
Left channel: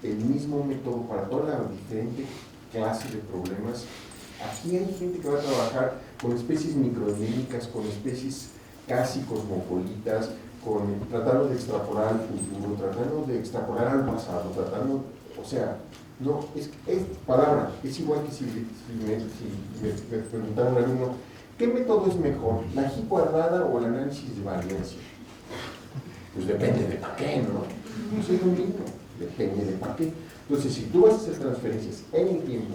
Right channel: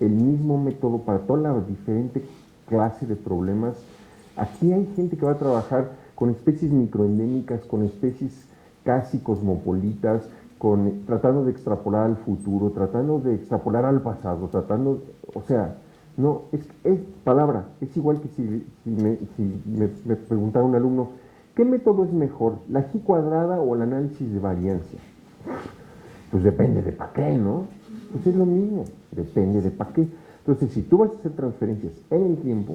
el mismo método para toda la diferente clase de problemas. Aquí hay gente que va a trabajar con especies microendémicas, con especies casi cosmopolitas, tratando de extrapolar al futuro, tratando de extrapolar al pasado, o sea, no, es palabra, es igual que si me preguntara un alumno, ¿qué método es mejor, la G cuadrada o el análisis de variancia? Pues depende de para qué, ¿no? Eso es lo mismo, depende de para qué. Entonces, si tú vas a hacer transferencias en el tiempo,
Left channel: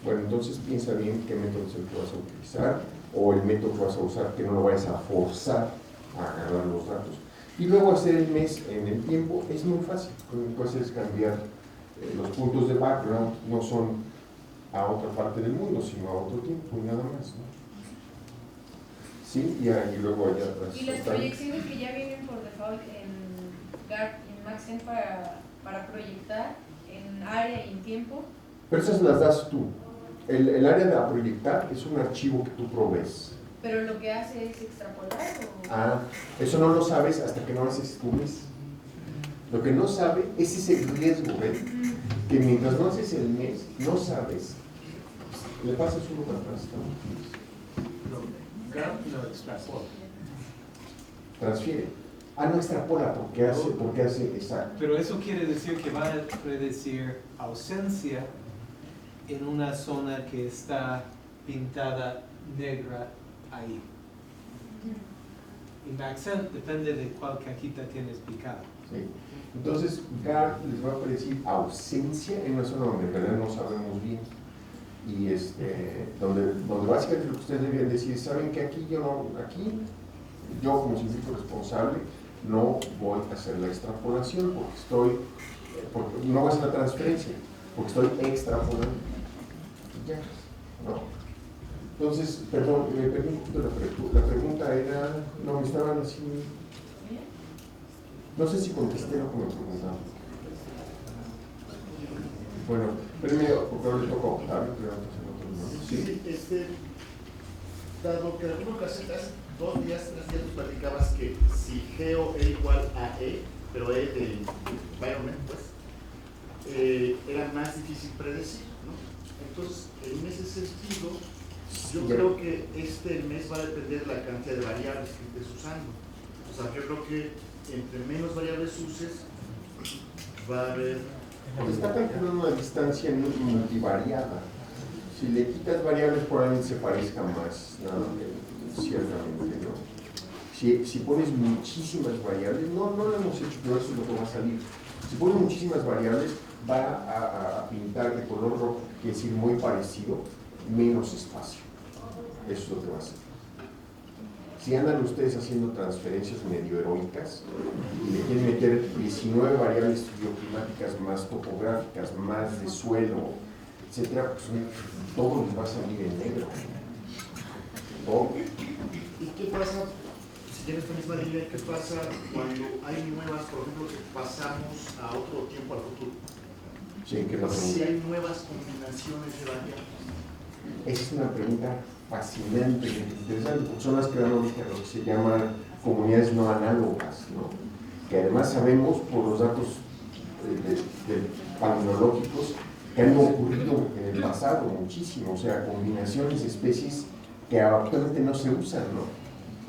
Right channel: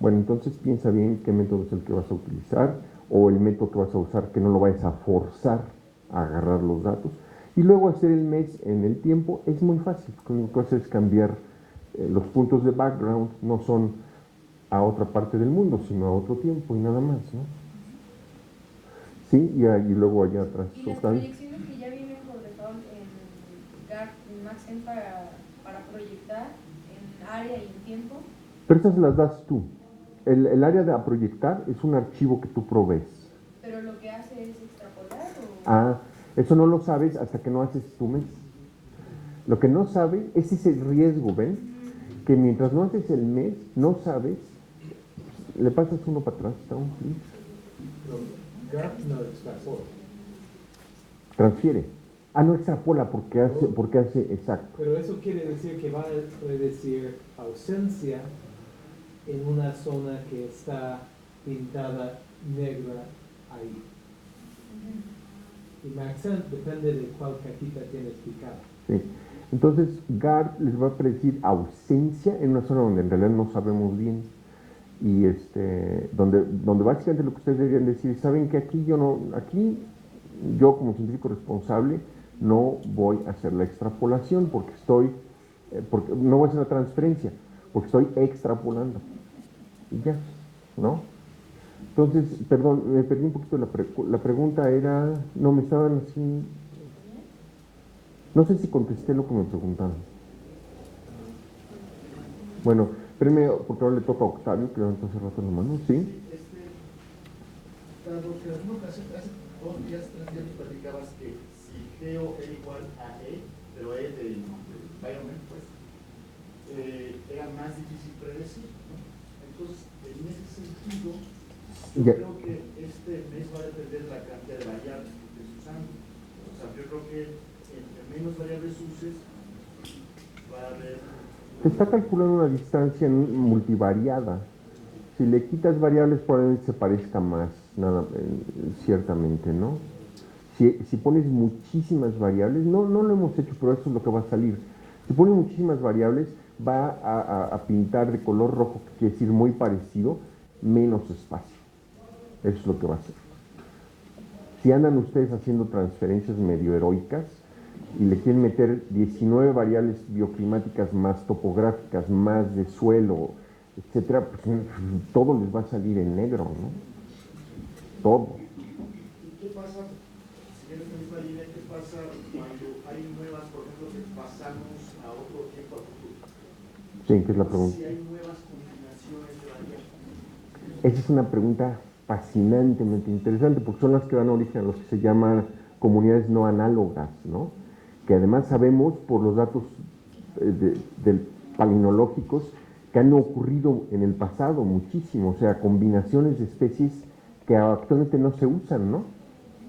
bueno, entonces piensa bien qué método es el que vas a utilizar, o el método que vas a usar, que no lo vayas a forzar a agarrar los datos. Y luego hacer el MES en el tiempo es muy fácil. Lo que haces es cambiar los puntos de background, no son a otra parte del mundo, sino a otro tiempo y nada más, ¿no? Sí, y luego allá atrás. Y las están. proyecciones que ya vienen por default en GART, en Maxent para proyectar en área y en tiempo. Pero esas las das tú. El área de a proyectar es un archivo que tú provees. Pero lo que hace es extrapolar o... Ah, eso no lo sabes hasta que no haces tu mes. Lo que no sabe es ese riesgo, ¿ven? Que mientras no haces el mes, no sabes. Le pasas uno para atrás, ¿está? No extrapola. Transfiere. No extrapola porque hace exacto. Pero eso quiere decir que va a predecir ausencia en una zona que está pintada negra ahí. Y Maxent depende de cuál cajita tienes picada. Sí. Entonces, GART les va a predecir ausencia en una zona donde en realidad no sabemos bien. Y donde básicamente lo que ustedes deben decir, saben que aquí yo como científico responsable no voy a hacer la extrapolación porque no voy a hacer la transferencia, porque estoy extrapolando. Y ya, ¿no? Entonces, perdón, me perdí un poquito la pregunta era, no me estaban diciendo, no sé si contesté lo que me preguntaban. Bueno, primero, porque ahora le toca a Octavio, que levantó hace rato la mano, ¿sí? Dado que en alguna ocasión, hace 2 días, 3 días, nos platicabas que si Geo era igual a E, pero E de environment, pues, era más difícil predecir, ¿no? Entonces, en ese sentido, yo creo que este mes va a depender de la cantidad de variables que estés usando. O sea, yo creo que entre menos variables uses, va a haber... Está calculando una distancia multivariada. Si le quitas variables, probablemente se parezca más, ciertamente, ¿no? Si pones muchísimas variables, no lo hemos hecho, pero eso es lo que va a salir. Si pones muchísimas variables, va a pintar de color rojo, que quiere decir muy parecido, menos espacio. Eso es lo que va a hacer. Si andan ustedes haciendo transferencias medio heroicas y le quieren meter 19 variables bioclimáticas más topográficas, más de suelo, etcétera, pues todo les va a salir en negro, ¿no? Todo. ¿Y qué pasa, si tienes la misma línea, qué pasa cuando hay nuevas, por ejemplo, pasamos a otro tiempo al futuro? Sí, que es la pregunta. Si hay nuevas combinaciones de variables. Esa es una pregunta fascinantemente interesante, porque son las que dan origen a lo que se llaman comunidades no análogas, ¿no? Que además sabemos por los datos palinológicos que han ocurrido en el pasado muchísimo, o sea, combinaciones de especies que actualmente no se usan, ¿no?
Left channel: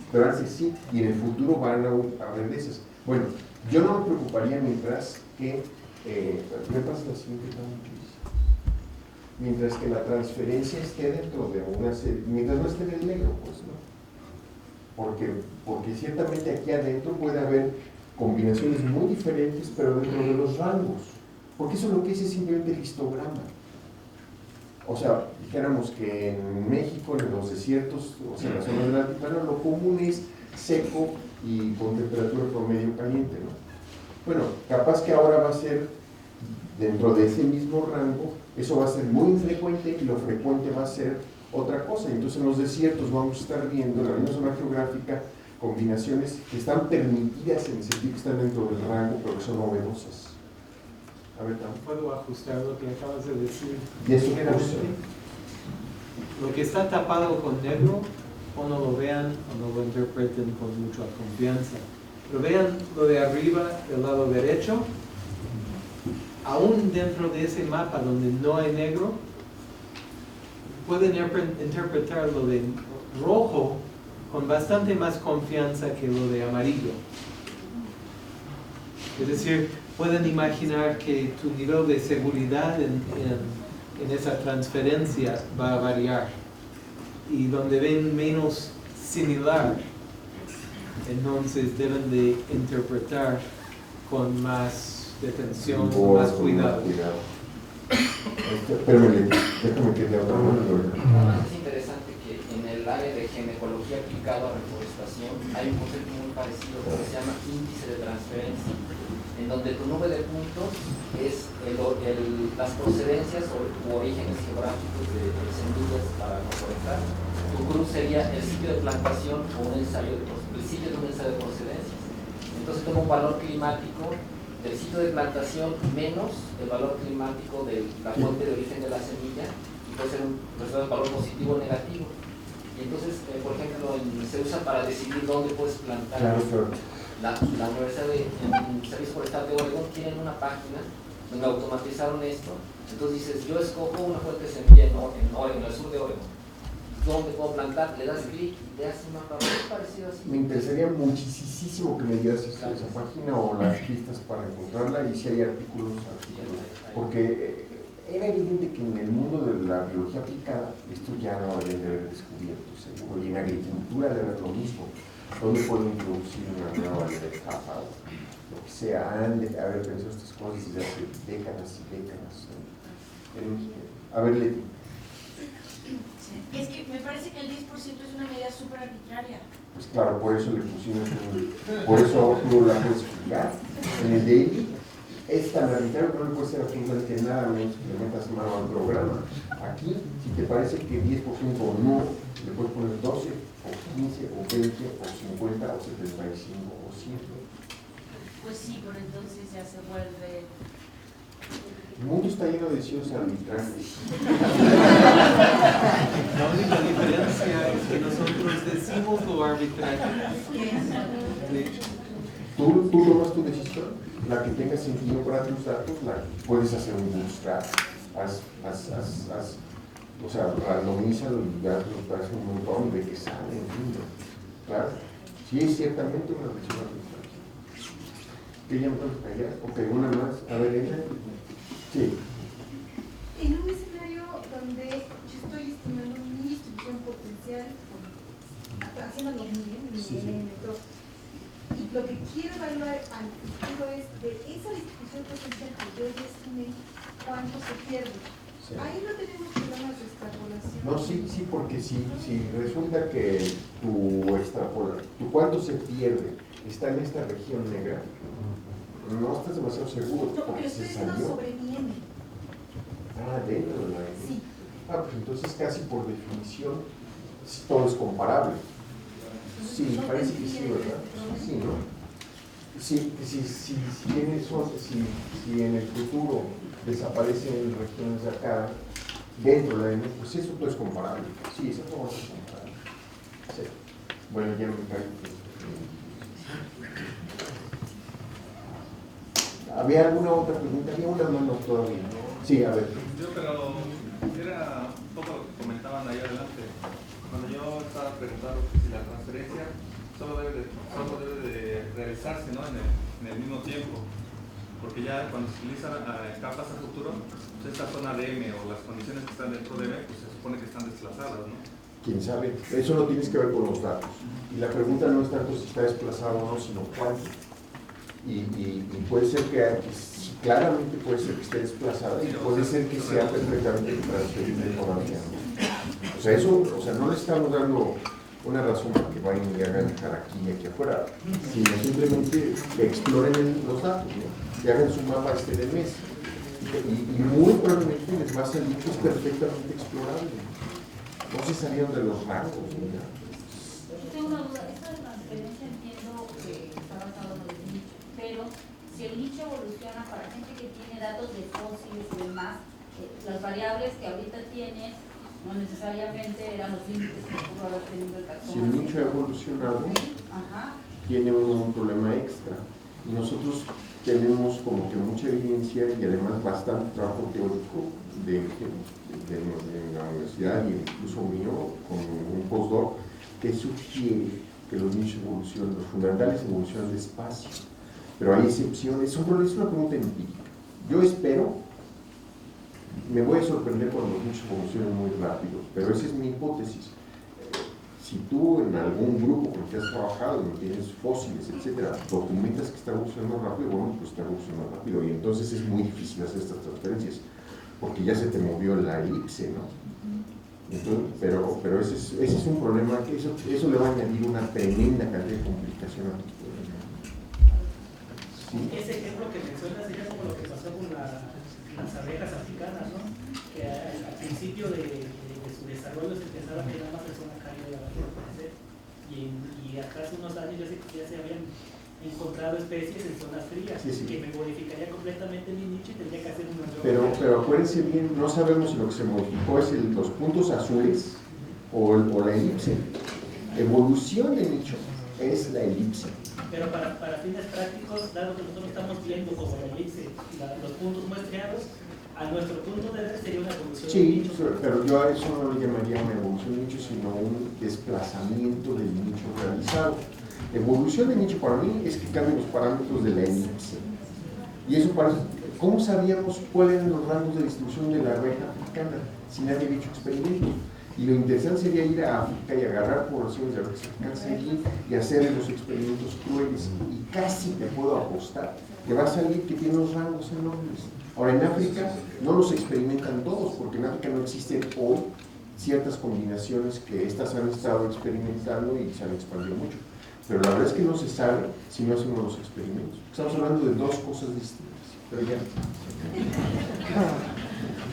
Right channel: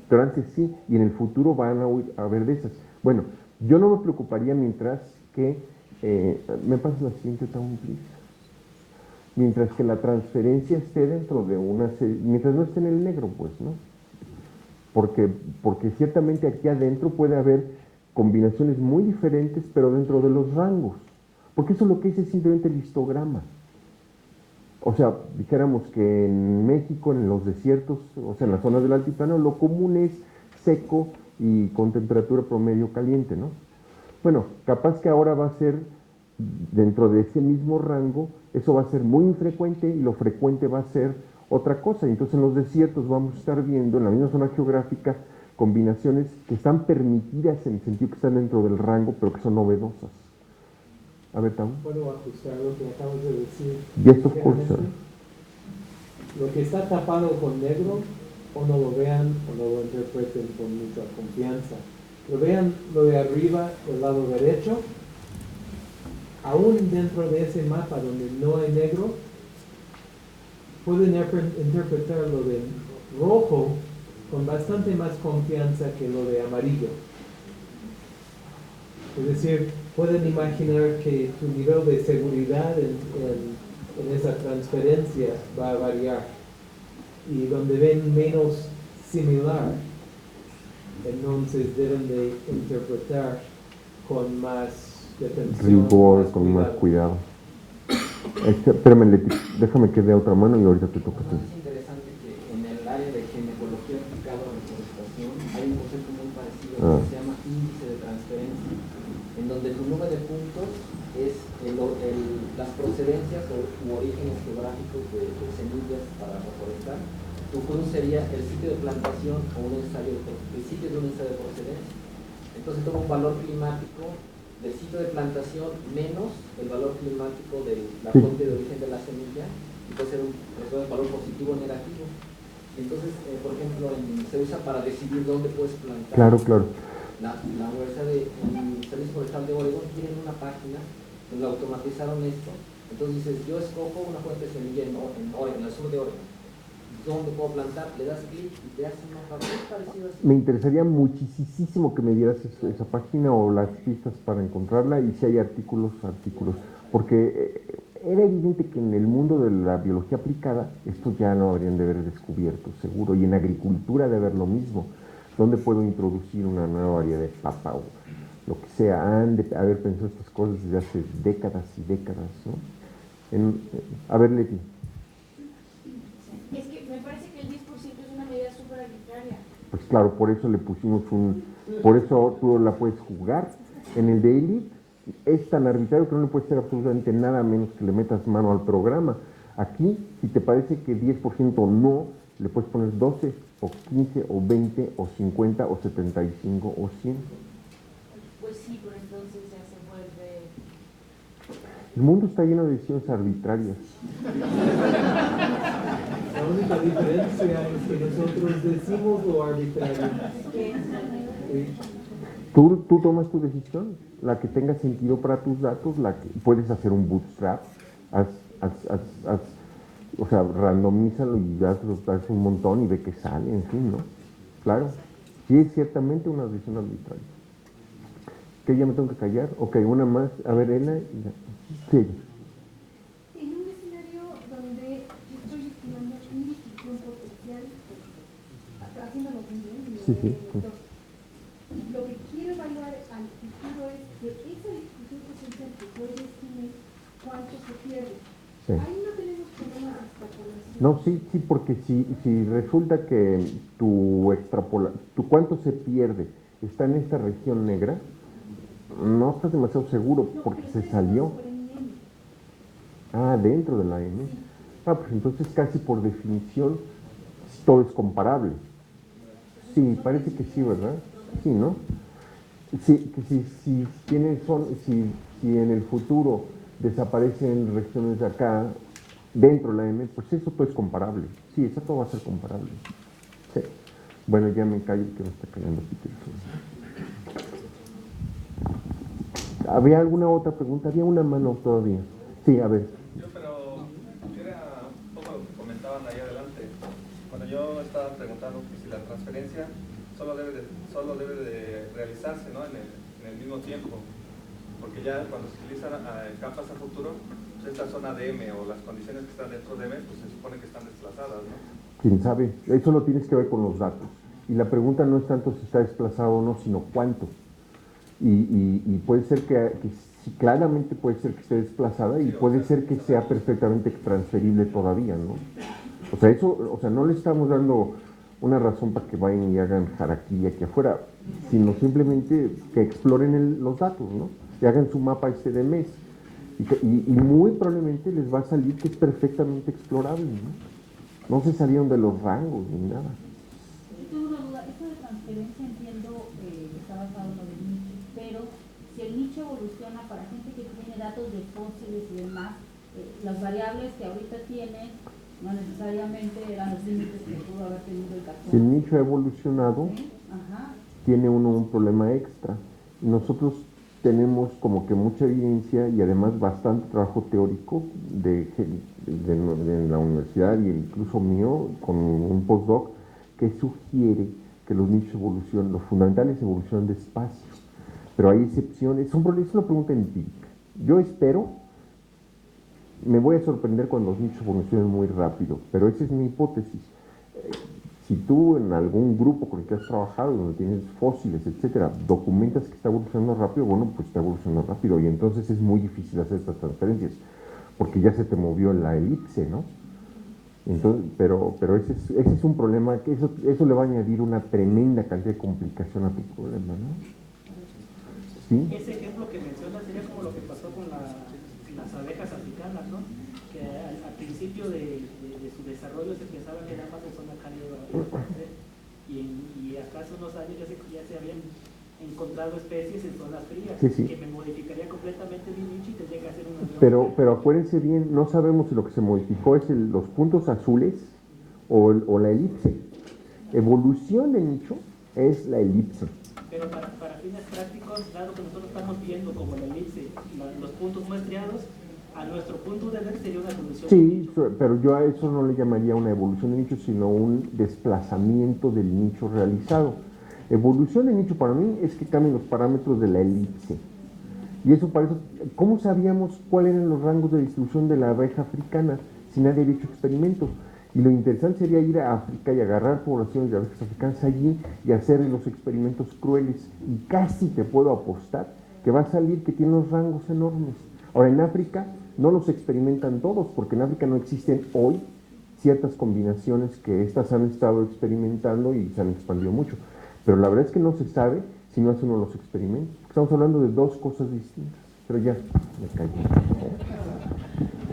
Pero antes sí, y en el futuro van a haber de esas. Bueno, yo no me preocuparía mientras que, ¿me pasa la siguiente tabla, please? Mientras que la transferencia esté dentro de mientras no esté en el negro, pues, ¿no? Porque ciertamente aquí adentro puede haber combinaciones muy diferentes, pero dentro de los rangos. Porque eso es lo que dice simplemente el histograma. O sea, dijéramos que en México, en los desiertos, o sea, en las zonas del altiplano, lo común es seco y con temperatura promedio caliente, ¿no? Bueno, capaz que ahora va a ser dentro de ese mismo rango, eso va a ser muy infrecuente y lo frecuente va a ser otra cosa. Entonces en los desiertos vamos a estar viendo en la misma zona geográfica combinaciones que están permitidas en el sentido que están dentro del rango, pero que son novedosas. A ver, Tam. ¿Puedo ajustar lo que acabas de decir? Yes, of course. Lo que está tapado con negro, o no lo vean o no lo interpreten con mucha confianza. Lo vean lo de arriba, del lado derecho. Aún dentro de ese mapa donde no hay negro, pueden interpretar lo de rojo con bastante más confianza que lo de amarillo. Es decir, pueden imaginar que tu nivel de seguridad en esa transferencia va a variar. Y donde ven menos similar, entonces deben de interpretar con más detención, Rigor, más con cuidado. más cuidado. Espérame, déjame que dé otra mano y ahorita. Es interesante que en el área de ginecología aplicada a reforestación hay un concepto muy parecido que se llama índice de transferencia, en donde donde tu número de puntos es las procedencias u orígenes geográficos de semillas para recolectar. Tu cruz sería el sitio de plantación o el sitio de un ensayo de procedencias. Entonces tengo un valor climático del sitio de plantación menos el valor climático de la fuente de origen de la semilla, y puede ser un valor positivo o negativo. Y entonces, por ejemplo, se usa para decidir dónde puedes plantar. Claro, claro. La Universidad de Servicio Forestal de Oregón tienen una página donde automatizaron esto. Entonces dices, yo escojo una fuente de semilla en Oregón, en el sur de Oregón. ¿Dónde puedo plantar? Le das clic y te hace un mapa muy parecido así. Me interesaría muchísimo que me dieras esa página o las pistas para encontrarla, y si hay artículos, porque era evidente que en el mundo de la biología aplicada esto ya no habrían de haber descubierto, seguro, y en agricultura debe haber lo mismo. ¿Dónde puedo introducir una nueva variedad de papa o lo que sea? Han de haber pensado estas cosas desde hace décadas y décadas, ¿no? A ver, Leti. Es que me parece que el 10% es una medida súper arbitraria. Pues claro, por eso le pusimos por eso tú la puedes jugar. En el daily es tan arbitrario que no le puede ser absolutamente nada menos que le metas mano al programa. Aquí, si te parece que 10% no, le puedes poner 12 o 15 o 20 o 50 o 75 o 100. Pues sí, pero entonces ya se vuelve... El mundo está lleno de decisiones arbitrarias. La única diferencia es que nosotros decimos lo arbitrario. Sí. Tú tomas tu decisión, la que tenga sentido para tus datos, la que puedes hacer un bootstrap, o sea, randomízalo y das un montón y ve que sale, en fin, ¿no? Claro, sí es ciertamente una decisión arbitraria. ¿Que ya me tengo que callar? Ok, una más. A ver, Elena. Sí. En un escenario donde yo estoy estimando mi distribución potencial, haciendo lo bien, Sí. y lo que quiero evaluar al futuro es de esa distribución potencial que yo ya estimé, cuánto se pierde. Sí. Ahí no tenemos problemas de extrapolación. No, sí, porque si resulta que tu cuánto se pierde está en esta región negra, no estás demasiado seguro porque se salió. Dentro de la M. Sí. Pues entonces casi por definición todo es comparable. Sí, parece que sí, ¿verdad? Sí, ¿no? Si en el futuro desaparecen regiones de acá, dentro de la M, pues eso todo es comparable. Sí, eso todo va a ser comparable. Sí. Bueno, ya me callo con esta que no me quite. ¿Había alguna otra pregunta? Había una mano todavía. Sí, a ver. Pero era un poco lo que comentaban ahí adelante. Cuando yo estaba preguntando si la transferencia solo debe de realizarse, ¿no? en el mismo tiempo. Porque ya cuando se utilizan capas a futuro, pues esta zona de M o las condiciones que están dentro de M, pues se supone que están desplazadas, ¿no? ¿Quién sabe? Eso no tienes que ver con los datos. Y la pregunta no es tanto si está desplazado o no, sino cuánto. Y puede ser que sí, claramente puede ser que esté desplazada, y puede ser que sea perfectamente transferible todavía, ¿no? O sea, no le estamos dando una razón para que vayan y le hagan aquí y aquí afuera, sino simplemente que exploren los datos, ¿no? Que hagan su mapa del mes. Y muy probablemente les va a salir que es perfectamente explorable, ¿no? No se salieron de los rangos ni nada. Yo tengo una duda. Eso de transferencia entiendo que está basado en los nichos, pero si el nicho evoluciona para gente que tiene datos de fósiles y demás, las variables que ahorita tienes no necesariamente eran los límites que pudo haber tenido el taxón. Si el nicho ha evolucionado, tiene un problema extra. Nosotros tenemos como que mucha evidencia y además bastante trabajo teórico de la universidad, y incluso mío con un postdoc, que sugiere que los nichos evolucionan, los fundamentales evolucionan despacio, pero hay excepciones. Es una pregunta empírica. Yo espero, me voy a sorprender cuando los nichos evolucionen muy rápido, pero esa es mi hipótesis. Si tú en algún grupo con el que has trabajado, donde tienes fósiles, etcétera, documentas que está evolucionando rápido, bueno, pues está evolucionando rápido, y entonces es muy difícil hacer estas transferencias, porque ya se te movió la elipse, ¿no? Entonces, pero ese es un problema, que eso le va a añadir una tremenda cantidad de complicación a tu problema, ¿no? ¿sí? Ese ejemplo que mencionas sería como lo que pasó con las abejas africanas, ¿no? Que al principio de su desarrollo se pensaba que era más persona caída la crecer, y acá hace unos años ya se habían encontrado especies en zonas frías, Sí, sí. que me modificaría completamente mi nicho y tendría que hacer una nueva. Pero acuérdense bien, no sabemos si lo que se modificó es los puntos azules o la elipse. Evolución en nicho es la elipse. Pero para fines prácticos, dado que nosotros estamos viendo como la elipse, los puntos muestreados, a nuestro punto de ver sería una evolución. Sí, pero yo a eso no lo llamaría una evolución de nicho, sino un desplazamiento del nicho realizado. Evolución de nicho para mí es que cambien los parámetros de la elipse. Y eso parece, ¿cómo sabíamos cuáles eran los rangos de distribución de la abeja africana si nadie había hecho experimentos? Y lo interesante sería ir a África y agarrar poblaciones de abejas africanas allí y hacer los experimentos crueles. Y casi te puedo apostar que va a salir que tiene unos rangos enormes. Ahora, en África no los experimentan todos, porque en África no existen hoy ciertas combinaciones que estas han estado experimentando y se han expandido mucho. Pero la verdad es que no se sabe si no hacemos los experimentos. Estamos hablando de dos cosas distintas. Pero ya, me callo.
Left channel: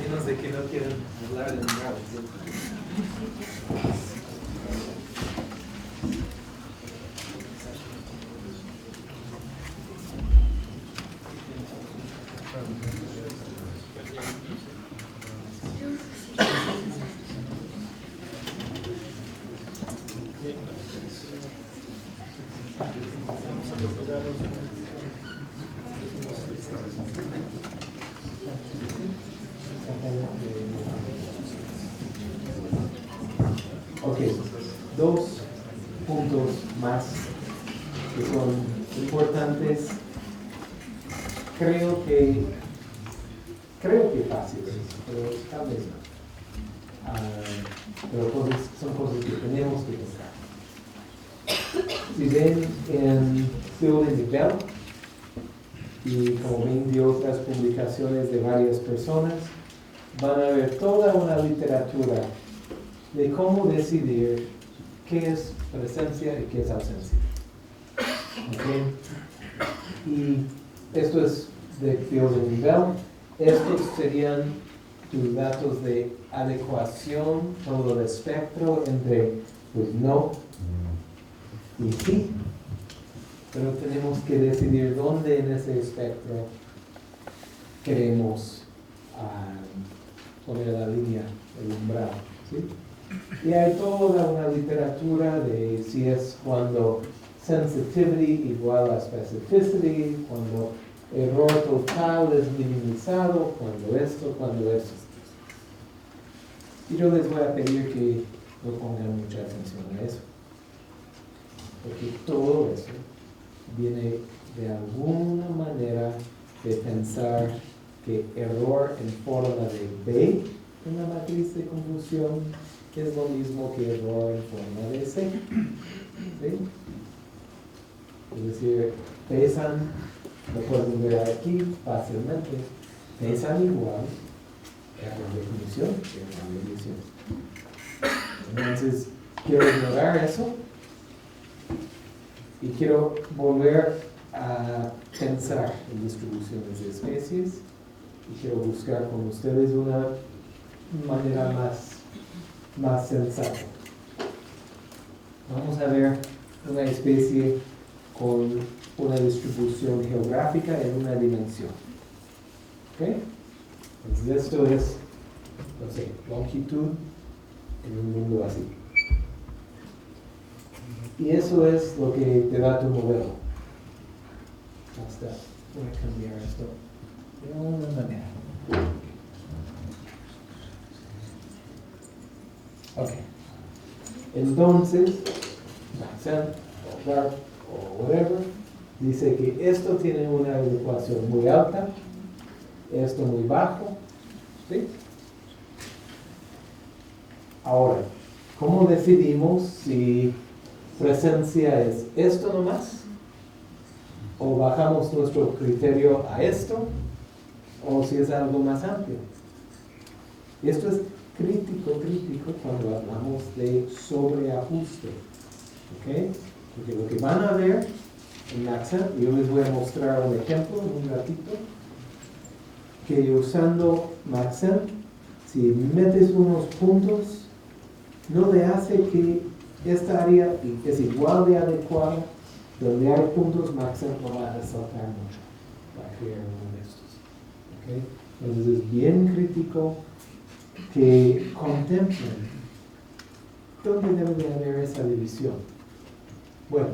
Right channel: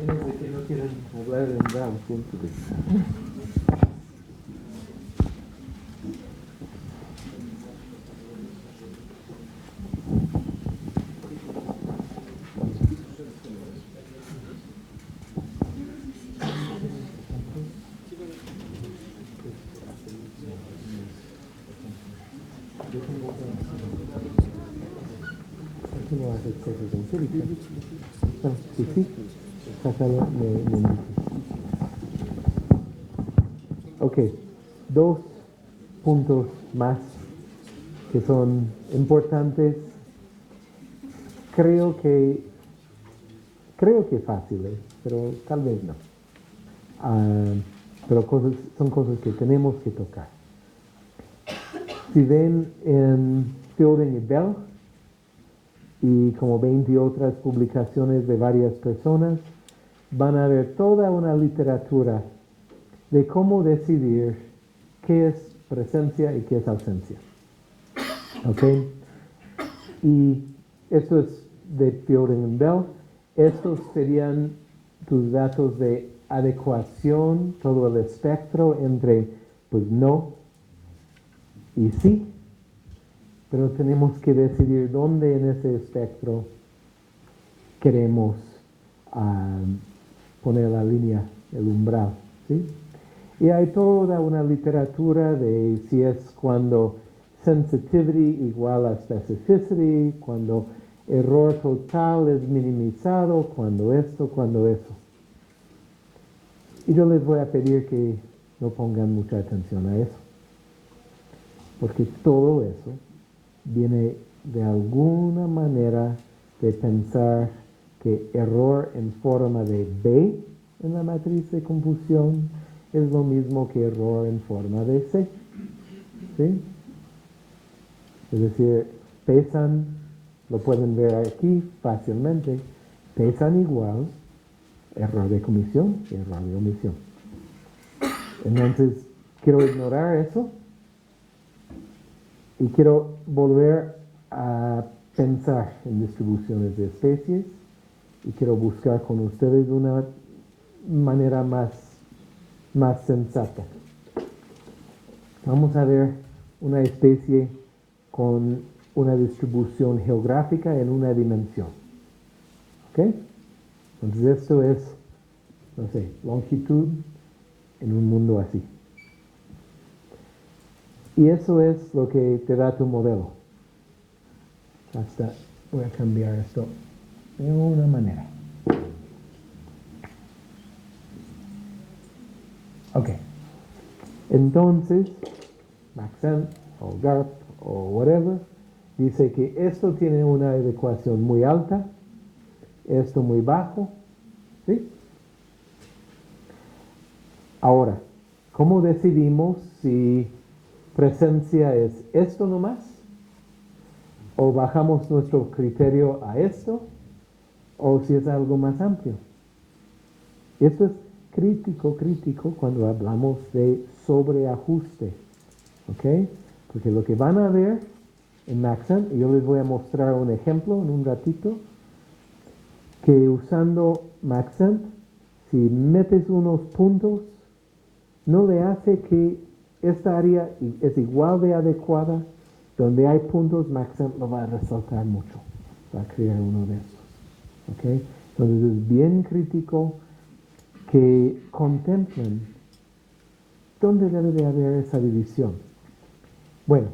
Menos de que no quieran hablar de nada. Ok, dos puntos más que son importantes. Creo que fáciles, pero tal vez no. Pero son cosas que tenemos que tocar. Si ven en estilo de nivel y como 20 otras publicaciones de varias personas, van a ver toda una literatura de cómo decidir qué es presencia y qué es ausencia. ¿Ok? Y eso es de teoría de nivel. Estos serían tus datos de adecuación, todo el espectro entre pues no y sí. Pero tenemos que decidir dónde en ese espectro queremos poner la línea, el umbral, ¿sí? Y hay toda una literatura de si es cuando sensitivity igual a specificity, cuando error total es minimizado, cuando esto. Y yo les voy a pedir que no pongan mucha atención a eso, porque todo eso viene de alguna manera de pensar que error en forma de B en la matriz de confusión es lo mismo que error en forma de C. ¿Sí? Es decir, pesan, lo pueden ver aquí fácilmente, pesan igual error de comisión que error de omisión. Entonces, quiero ignorar eso y quiero volver a pensar en distribuciones de especies y quiero buscar con ustedes una manera más sensata. Vamos a ver una especie con una distribución geográfica en una dimensión. ¿Ok? Entonces eso es, no sé, longitud en un mundo así. Y eso es lo que te da tu modelo. Hasta voy a cambiar esto de una manera. Ok. Entonces, Maxent o Dart o whatever dice que esto tiene una adecuación muy alta, esto muy bajo. ¿Sí? Ahora, ¿cómo decidimos si presencia es esto nomás? ¿O bajamos nuestro criterio a esto? ¿O si es algo más amplio? Esto es crítico cuando hablamos de sobreajuste. ¿Ok? Porque lo que van a ver en Maxent, y yo les voy a mostrar un ejemplo en un ratito, que usando Maxent, si metes unos puntos, no le hace que esta área es igual de adecuada. Donde hay puntos, Maxent no va a resaltar mucho, va a crear uno de estos. ¿Okay? Entonces es bien crítico que contemplen dónde debe de haber esa división. Bueno,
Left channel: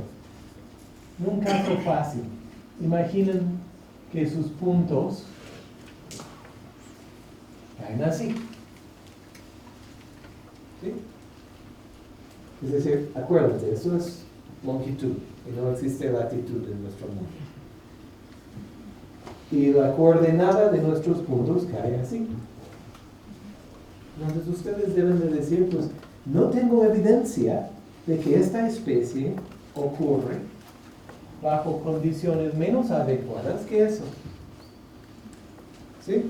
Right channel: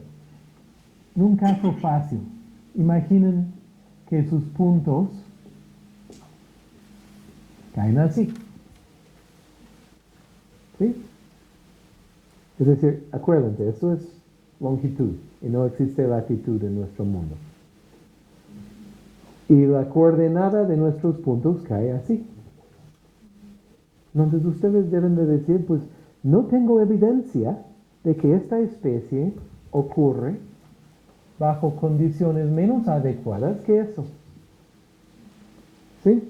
un caso fácil. Imaginen que sus puntos caen así. ¿Sí? Es decir, acuérdate, eso es longitud y no existe latitud en nuestro mundo. Y la coordenada de nuestros puntos cae así. Entonces ustedes deben de decir, pues, no tengo evidencia de que esta especie ocurre bajo condiciones menos adecuadas que eso. ¿Sí?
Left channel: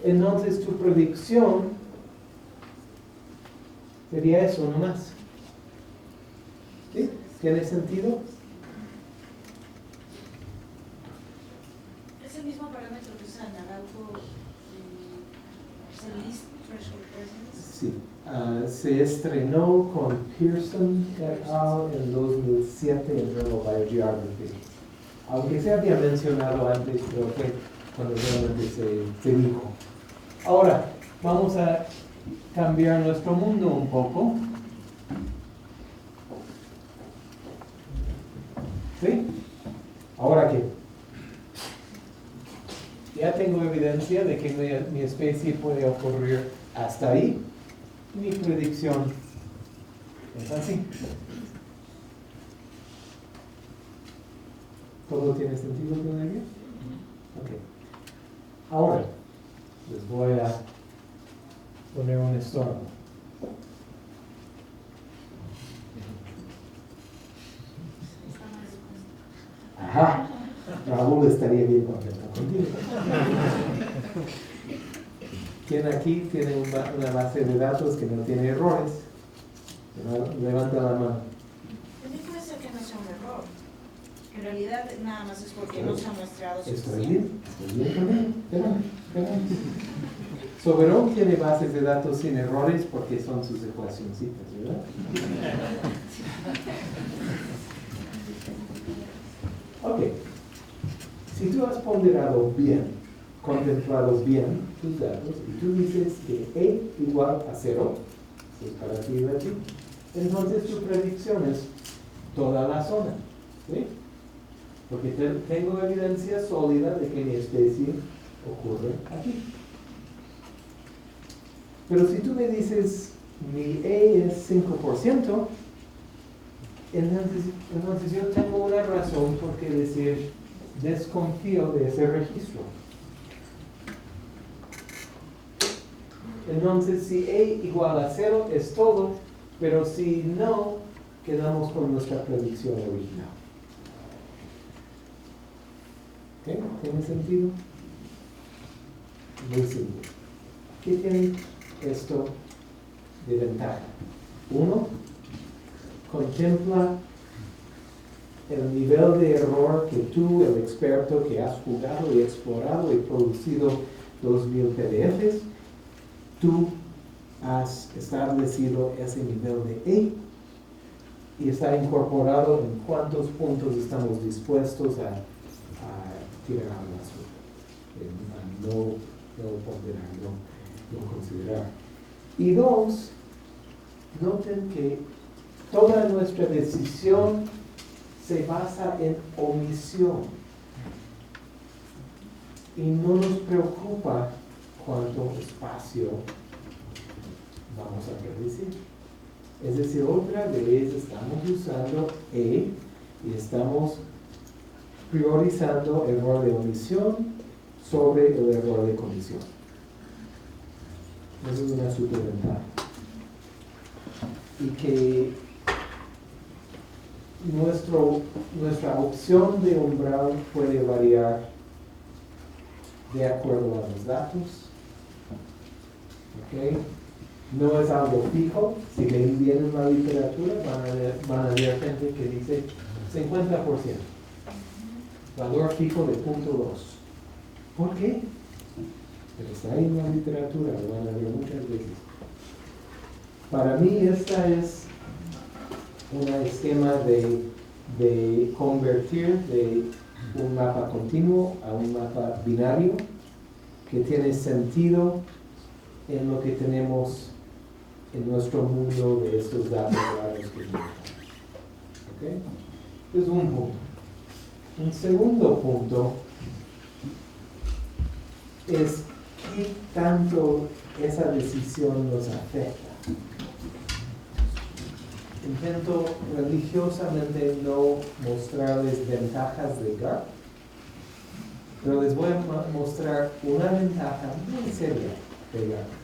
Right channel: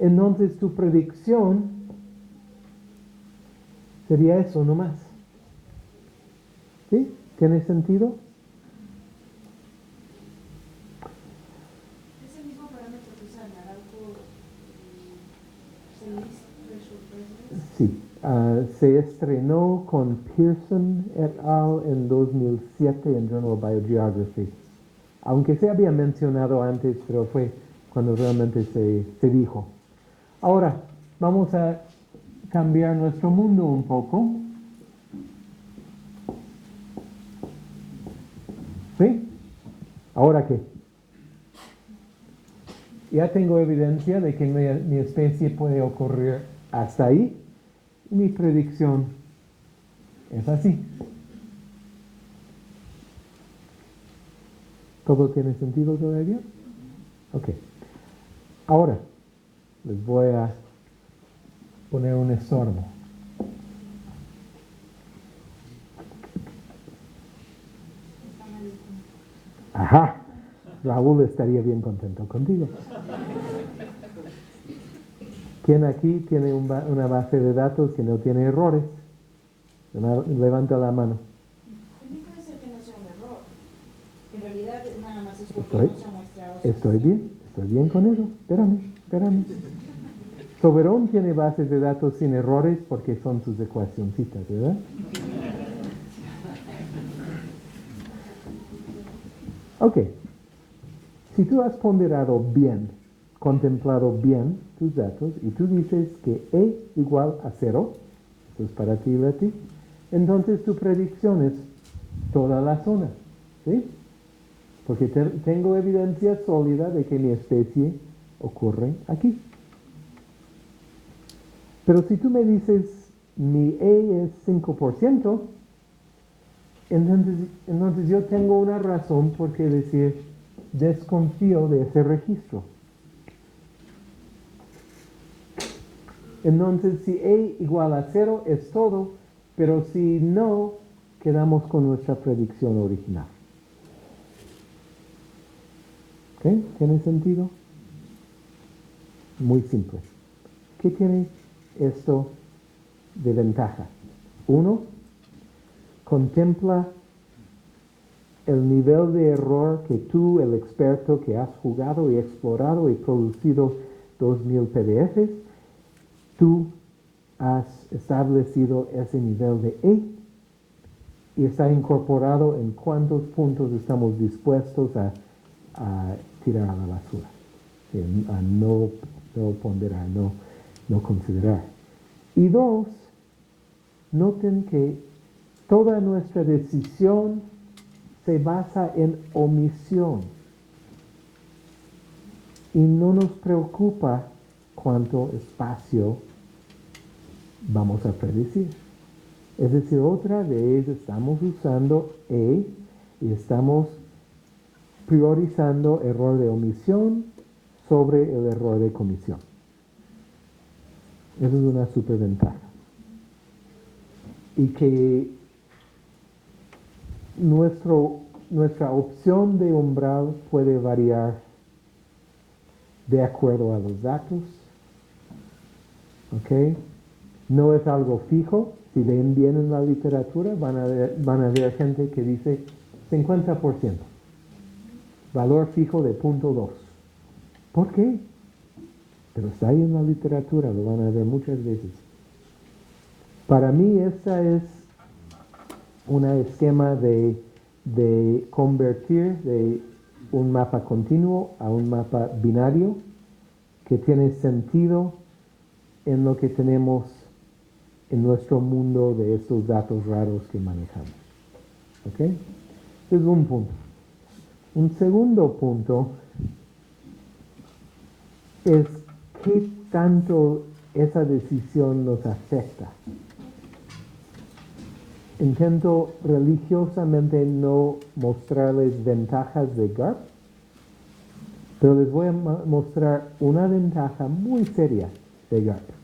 Entonces tu predicción sería eso nomás. ¿Sí? ¿Tiene sentido? Es el mismo parámetro que usan Araujo, el least threshold presence. Sí. Se estrenó con Pearson et al. En 2007 en Journal Biogeography. Aunque se había mencionado antes, pero fue cuando realmente se dijo. Ahora, vamos a cambiar nuestro mundo un poco. ¿Sí? ¿Ahora qué? Ya tengo evidencia de que mi especie puede ocurrir hasta ahí. Mi predicción es así. ¿Todo tiene sentido todavía? Ok. Ahora, les voy a poner un estorbo. Ajá. Raúl estaría bien contento contigo. ¿Quién aquí tiene una base de datos que no tiene errores? Levanta la mano. También puede ser que no sea un error. En realidad nada más es porque Estoy- no se ha muestrado Estoy bien con él. Espérame. Soberón tiene bases de datos sin errores porque son sus ecuacioncitas, ¿verdad? Ok. Si tú has ponderado bien, contemplado bien tus datos, y tú dices que E igual a 0, eso es para ti y a ti, entonces tu predicción es toda la zona, ¿sí? Porque tengo evidencia sólida de que mi especie ocurre aquí. Pero si tú me dices mi E es 5%, entonces yo tengo una razón por qué decir desconfío de ese registro. Entonces si E igual a 0 es todo, pero si no, quedamos con nuestra predicción original. ¿Ok? ¿Tiene sentido? Muy simple. ¿Qué tiene esto de ventaja? Uno, contempla el nivel de error que tú, el experto que has jugado y explorado y producido 2000 PDFs, tú has establecido ese nivel de E y está incorporado en cuántos puntos estamos dispuestos a tirar a la basura, a no ponderar, no considerar. Y dos, noten que toda nuestra decisión se basa en omisión y no nos preocupa cuánto espacio vamos a predecir. Es decir, otra vez estamos usando E y estamos priorizando error de omisión sobre el error de comisión. Esa es una superventaja. Y que nuestra opción de umbral puede variar de acuerdo a los datos. ¿Ok? No es algo fijo. Si ven bien en la literatura, van a ver gente que dice 50%. valor fijo de 0.2. ¿Por qué? Pero está ahí en la literatura, lo van a ver muchas veces. Para mí esa es un esquema de convertir de un mapa continuo a un mapa binario que tiene sentido en lo que tenemos en nuestro mundo de esos datos raros que manejamos. ¿Ok? Es un punto. Un segundo punto es qué tanto esa decisión nos afecta. Intento religiosamente no mostrarles ventajas de GARP, pero les voy a mostrar una ventaja muy seria de GARP.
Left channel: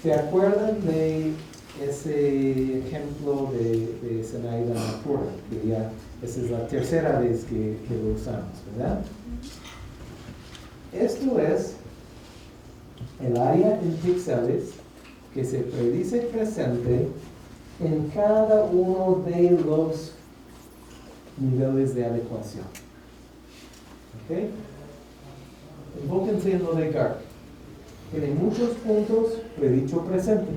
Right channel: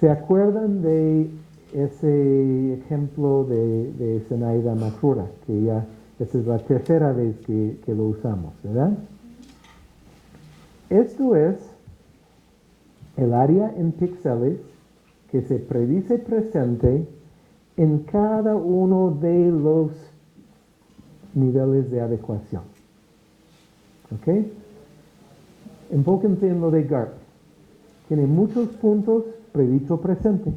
¿Se acuerdan de ese ejemplo de Zenaida Matura? Que ya esa es la tercera vez que lo usamos, ¿verdad? Esto es el área en píxeles que se predice presente en cada uno de los niveles de adecuación. ¿Ok? Enfóquense en lo de GARP. Tiene muchos puntos predicho presente.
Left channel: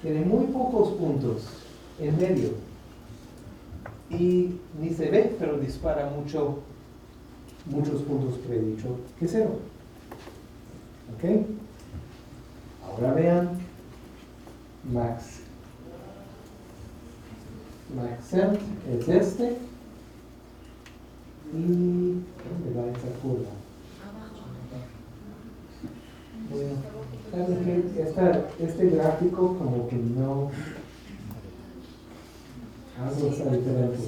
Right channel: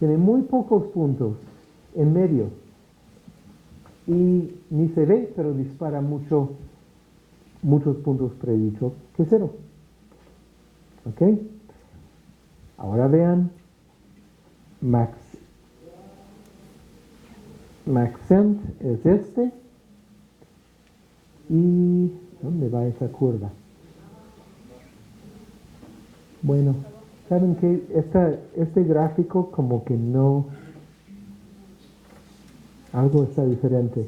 Tiene muy pocos puntos en medio. Y ni se ve, pero dispara muchos puntos predicho que cero. ¿Ok? Ahora vean Maxent es este. ¿Y dónde va esta curva? Bueno, ¿saben qué? Este gráfico como que no... Algo está diferente.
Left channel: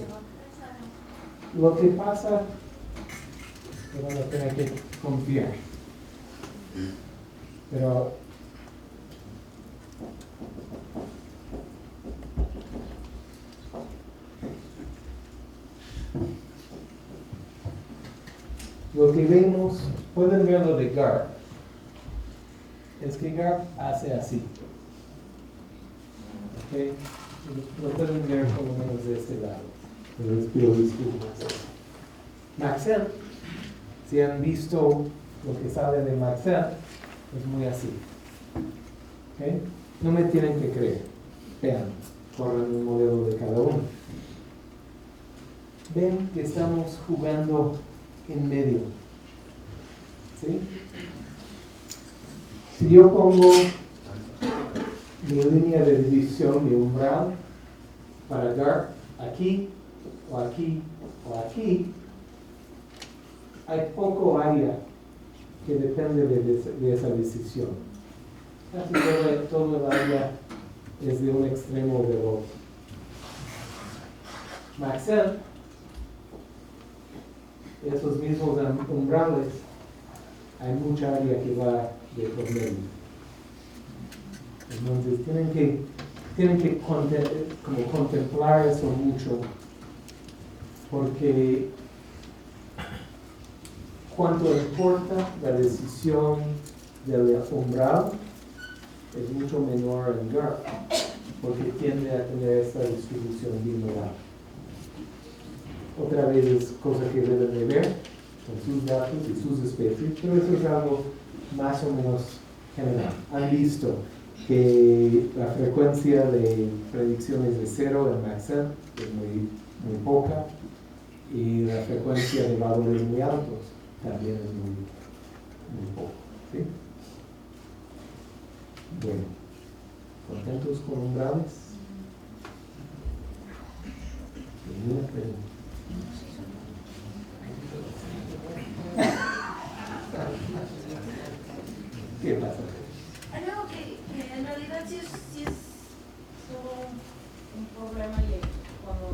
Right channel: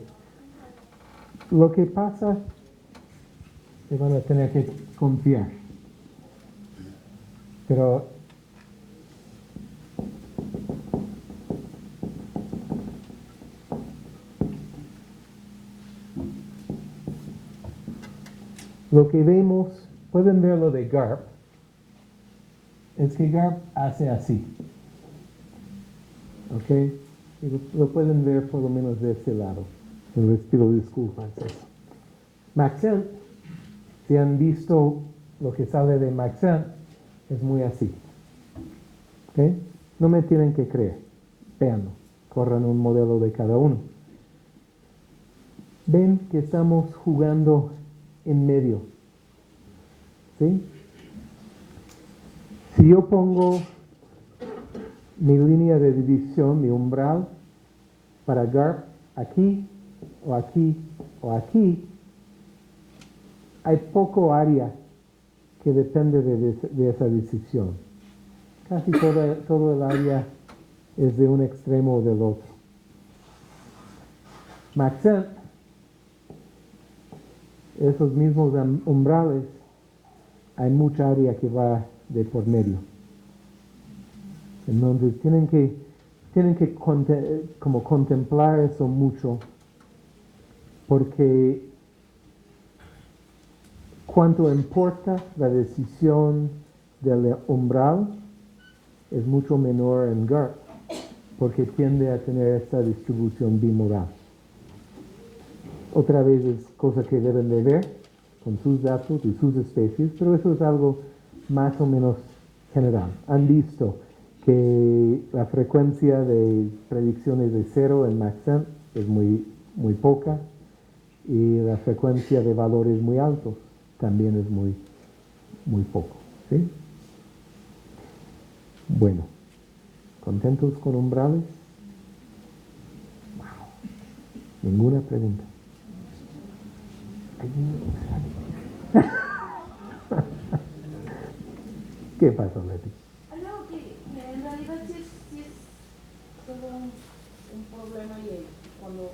Lo que pasa, que van a tener que confiar. Pero lo que vemos, pueden ver lo de GARP, es que GARP hace así. ¿Ok? Lo pueden ver por lo menos de este lado. Les pido disculpas. Maxent, si han visto lo que sale de Maxent, es muy así. ¿Ok? No me tienen que creer. Vean, corran un modelo de cada uno. Ven que estamos jugando en medio. ¿Sí? Si yo pongo mi línea de división de umbral para GARP aquí, o aquí, o aquí, hay poco área que depende de esa decisión. Casi todo el área es de un extremo o del otro. Maxent, esos mismos umbrales, hay mucha área que va de por medio. Entonces tienen que como contemplar eso mucho, porque cuanto importa la decisión del umbral es mucho menor en GARP, porque tiende a tener esta distribución bimodal. Otra vez es cosa que deben de ver en sus datos y sus especies, pero eso es algo más o menos general. Han visto que la frecuencia de predicciones de 0 en Maxent es muy poca y la frecuencia de valores muy altos también es muy poco. ¿Sí? Bueno, ¿contentos con umbrales? Ninguna pregunta. ¿Qué pasa, Leti? No, que en realidad sí es todo un problema y cuando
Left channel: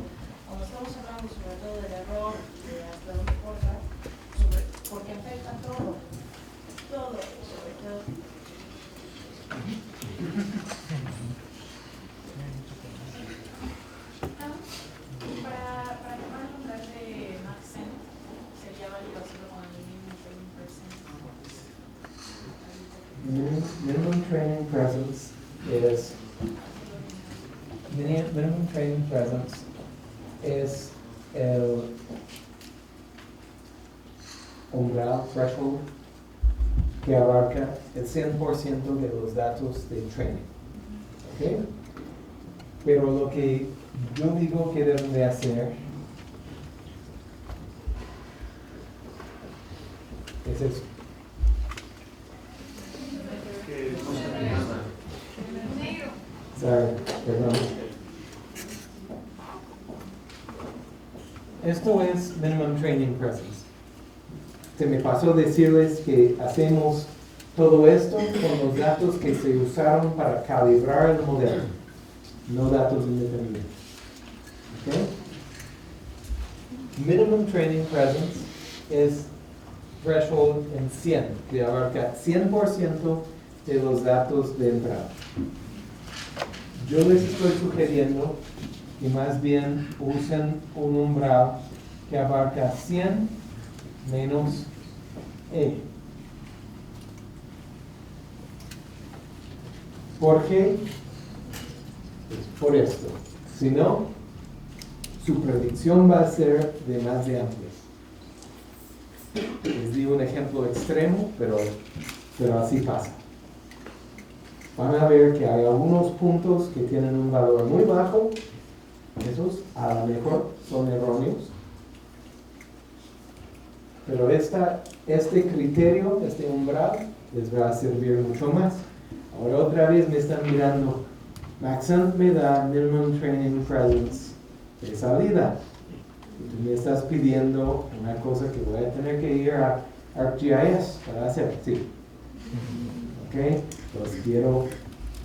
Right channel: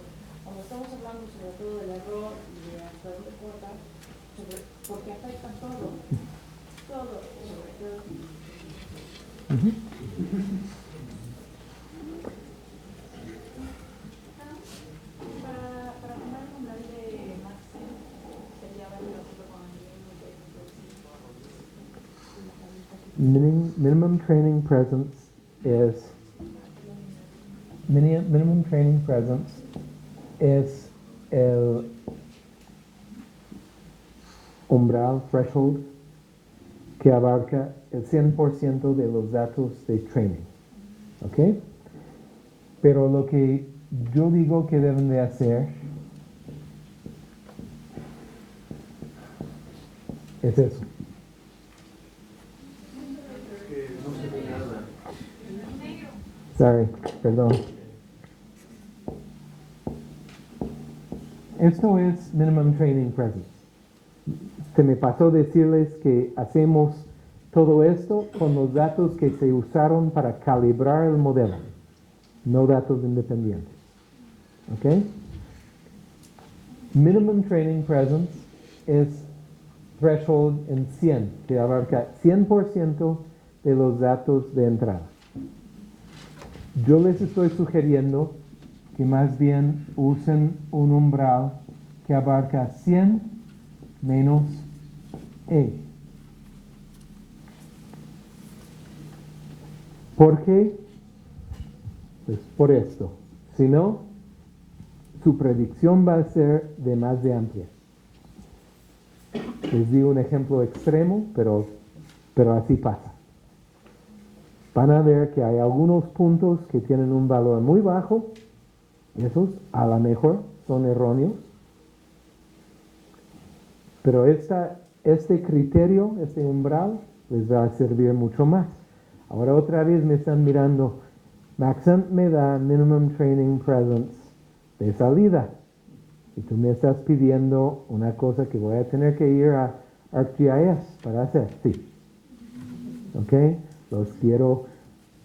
estamos hablando sobre todo del error y de hasta dónde corta, porque afecta todo, sobre todo. Para acabar con el de Maxent, sería válido hacerlo con el límite. Minimum training presence is minimum training presence es umbral, threshold, que abarca el 100% de los datos de training. ¿Ok? Pero lo que yo digo que deben de hacer es eso. Sorry, perdón. Esto es Minimum Training Presence. Se me pasó decirles que hacemos todo esto con los datos que se usaron para calibrar el modelo, no datos independientes. ¿Ok? Minimum Training Presence es threshold en 100, que abarca 100% de los datos de entrada. Yo les estoy sugiriendo que más bien usen un umbral que abarca 100 menos E. ¿Por qué? Pues por esto. Si no, su predicción va a ser de más de amplia. Les di un ejemplo extremo, pero así pasa. Van a ver que hay algunos puntos que tienen un valor muy bajo. Esos a lo mejor son erróneos. Pero este criterio, este umbral, les va a servir mucho más. Ahora otra vez me están mirando. Maxent me da Minimum Training Presence de salida. Y tú me estás pidiendo una cosa que voy a tener que ir a ArcGIS para hacer. Sí. ¿Ok? Los quiero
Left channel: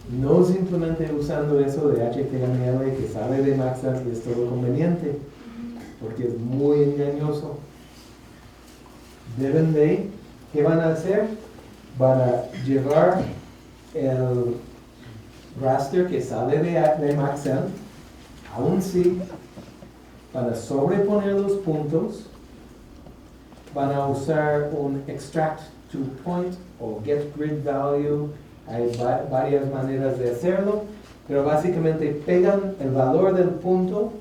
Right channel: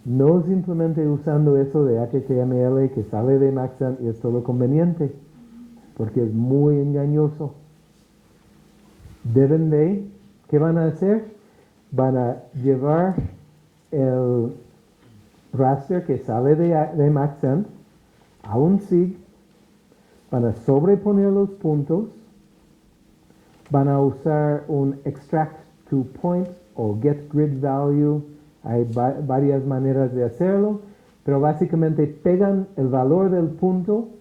no simplemente usando eso de HTML que sale de Maxent y es todo conveniente, porque es muy engañoso. ¿Qué van a hacer? Van a llevar el raster que sale de Maxent a un SIG, van a sobreponer los puntos, van a usar un extract to point o get grid value. Hay varias maneras de hacerlo, pero básicamente pegan el valor del punto,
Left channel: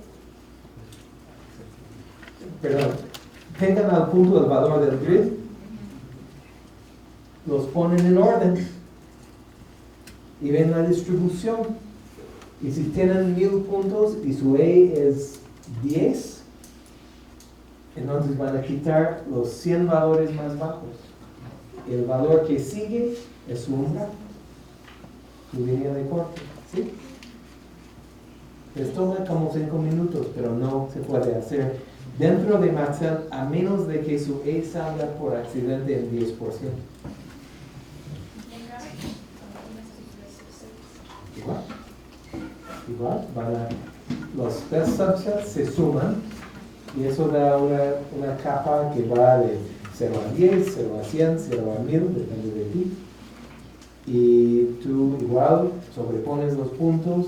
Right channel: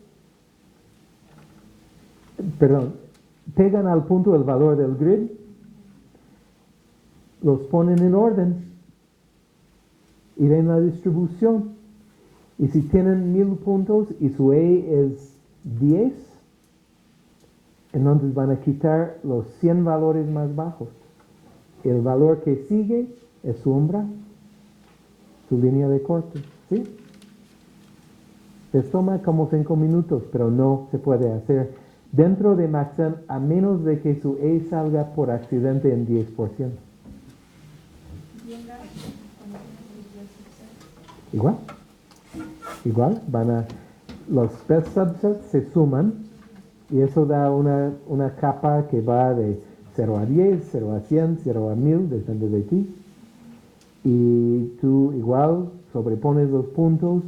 pegan al punto el valor del grid, los ponen en orden y ven la distribución. Y si tienen 1000 puntos y su E es 10, entonces van a quitar los 100 valores más bajos. El valor que sigue es su umbral, su línea de corte. ¿Sí? Les toma como 5 minutos, pero no se puede hacer dentro de Maxent a menos de que su E salga por accidente en 10%. Igual, los best subsets se suman y eso da una capa que va de 0 a 10, 0 a 100, 0 a 1000, depende de ti. Y tú igual sobrepones los puntos,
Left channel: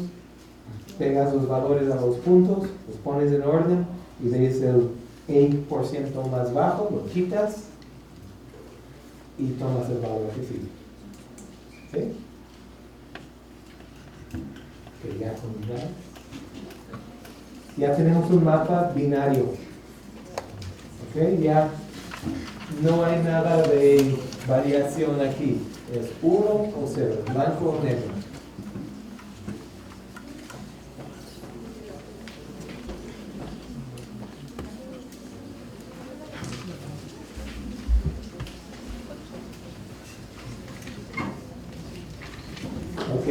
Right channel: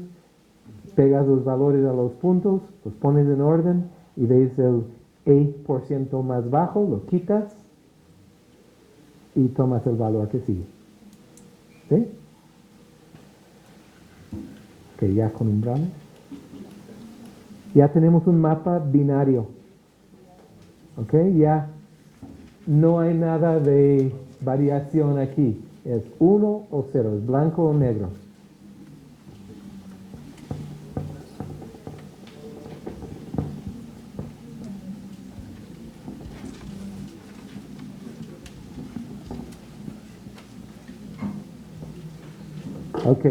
pegas los valores a los puntos, los pones en orden y ves el E% más bajo, lo quitas y tomas el valor que sigue. ¿Sí? Ok, ya con umbrales. Ya tenemos un mapa binario. Ok, ya no hay nada de variación aquí. Es 1 o 0, blanco o negro. Ok.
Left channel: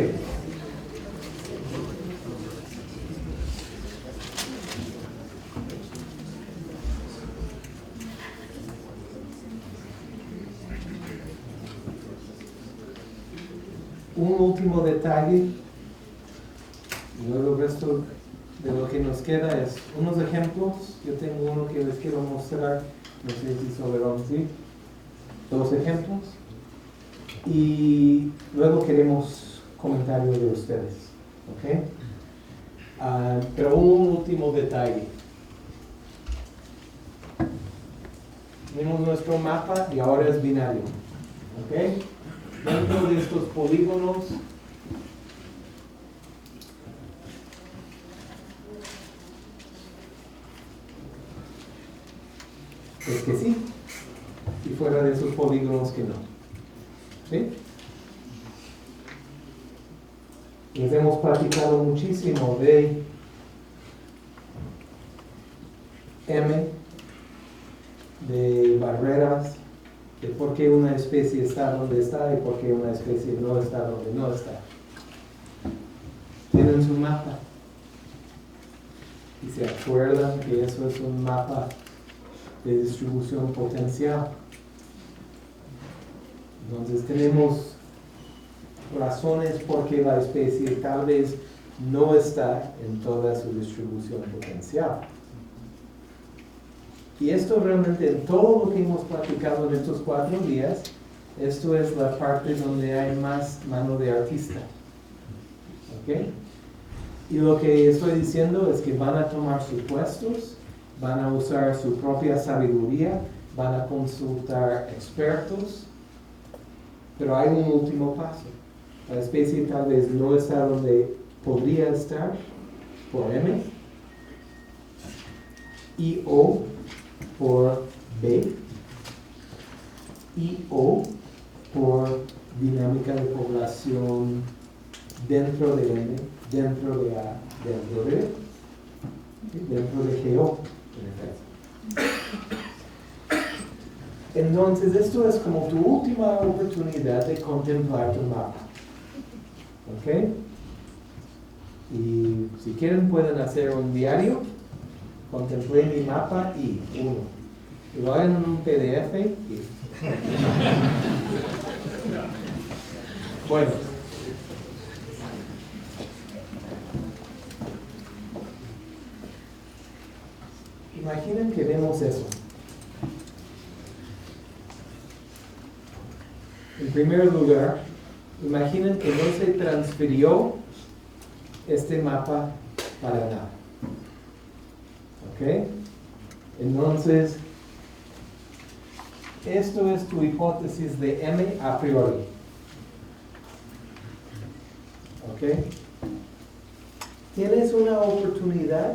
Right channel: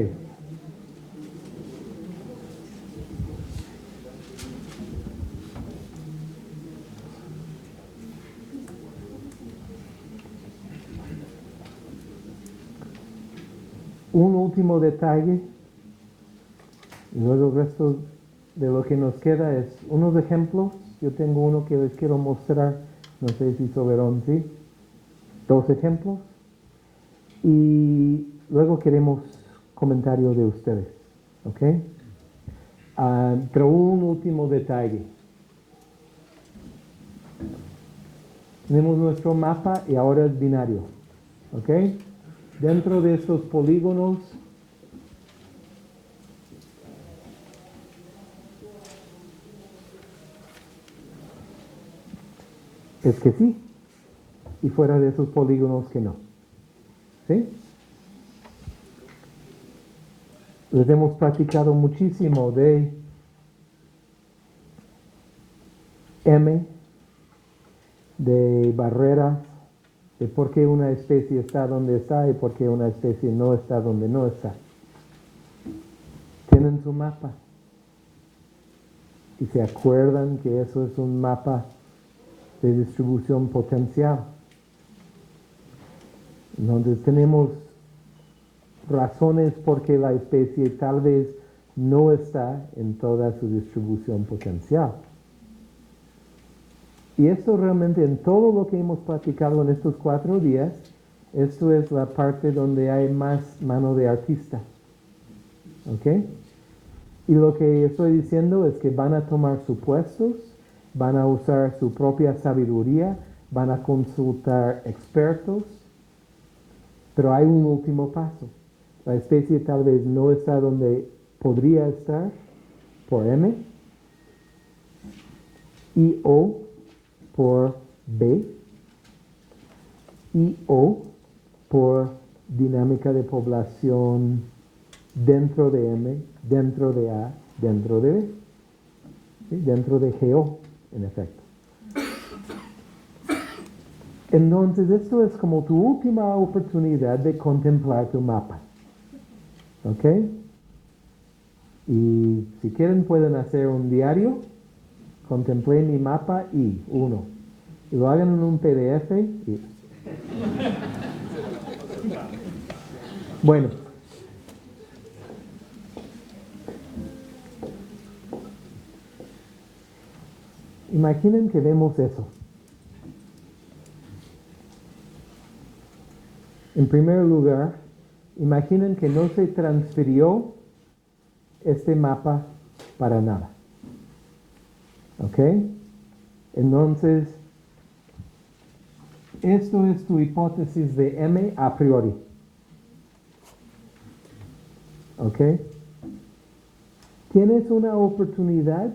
Un último detalle, y luego el resto de lo que nos queda es unos ejemplos. Yo tengo uno que les quiero mostrar, no sé si Soberón, sí, 2 ejemplos, y luego queremos comentarios de ustedes, ¿ok? Pero un último detalle. Tenemos nuestro mapa y ahora es binario, ¿ok? Dentro de estos polígonos es que sí, y fuera de esos polígonos que no. ¿Sí? Les hemos platicado muchísimo de M, de barreras, de por qué una especie está donde está y por qué una especie no está donde no está. Tienen su mapa. Y se acuerdan que eso es un mapa de distribución potencial. Entonces tenemos razones por qué la especie tal vez no está en toda su distribución potencial. Y esto realmente en todo lo que hemos platicado en estos 4 días, esto es la parte donde hay más mano de artista. ¿Ok? Y lo que estoy diciendo es que van a tomar supuestos, van a usar su propia sabiduría, van a consultar expertos, pero hay un último paso. La especie tal vez no está donde podría estar por M, y o por B, y o por dinámica de población dentro de M, dentro de A, dentro de B, ¿sí? Dentro de GO, en efecto. Entonces, esto es como tu última oportunidad de contemplar tu mapa. ¿Ok? Y si quieren pueden hacer un diario. Contemplé mi mapa y 1. Y lo hagan en un PDF y... Bueno. Imaginen que vemos eso. En primer lugar, imaginen que no se transfirió este mapa para nada. ¿Ok? Entonces, esto es tu hipótesis de M a priori. ¿Ok? Tienes una oportunidad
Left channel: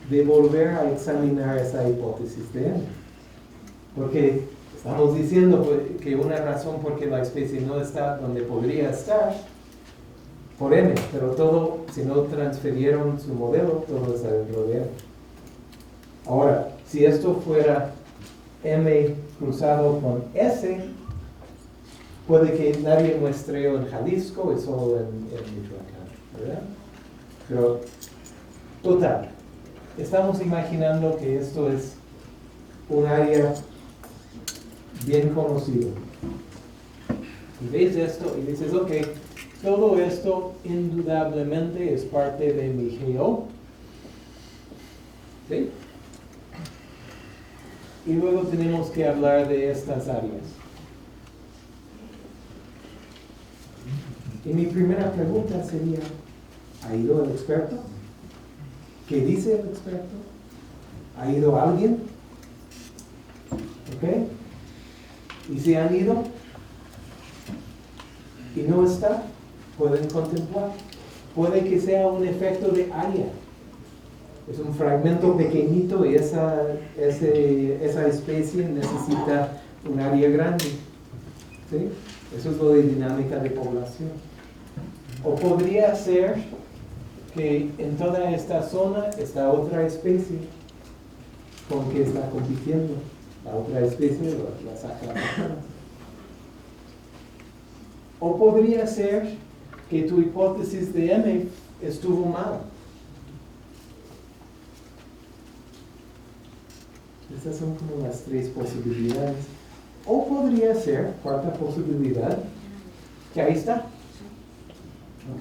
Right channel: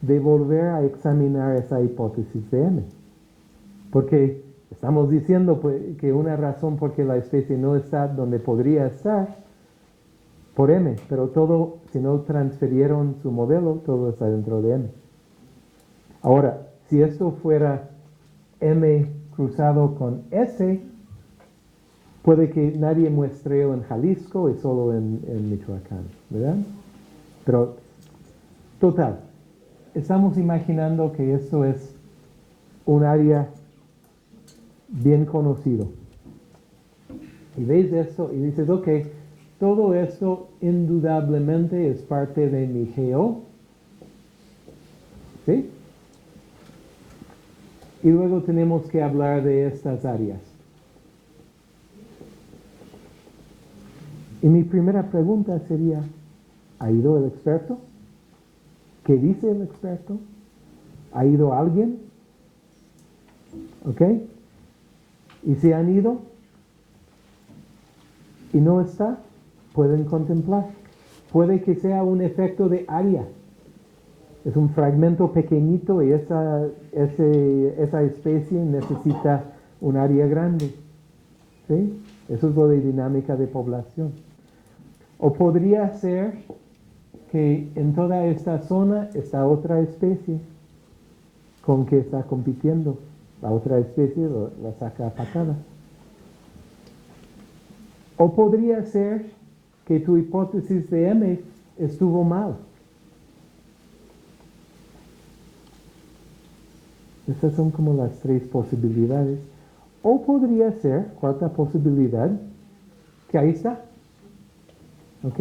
de volver a examinar esa hipótesis de M. Porque estamos diciendo que una razón por qué la especie no está donde podría estar, por M, pero todo, si no transfirieron su modelo, todo está dentro de M. Ahora, si esto fuera M cruzado con S, puede que nadie muestre en Jalisco y solo en Michoacán, ¿verdad? Pero, total, estamos imaginando que esto es un área bien conocido. Y veis esto y dices, ok, todo esto indudablemente es parte de mi GO. ¿Sí? Y luego tenemos que hablar de estas áreas. Y mi primera pregunta sería, ¿ha ido el experto? ¿Qué dice el experto? ¿Ha ido alguien? ¿Ok? Y si han ido y no está, pueden contemplar. Puede que sea un efecto de área. Es un fragmento pequeñito y esa especie necesita un área grande. ¿Sí? Eso es lo de dinámica de población. O podría ser que en toda esta zona está otra especie con que está compitiendo. La otra especie, la sacapacana. O podría ser que tu hipótesis de M estuvo mal. Estas son como las 3 posibilidades. O podría ser, cuarta posibilidad, que ahí está. ¿Ok?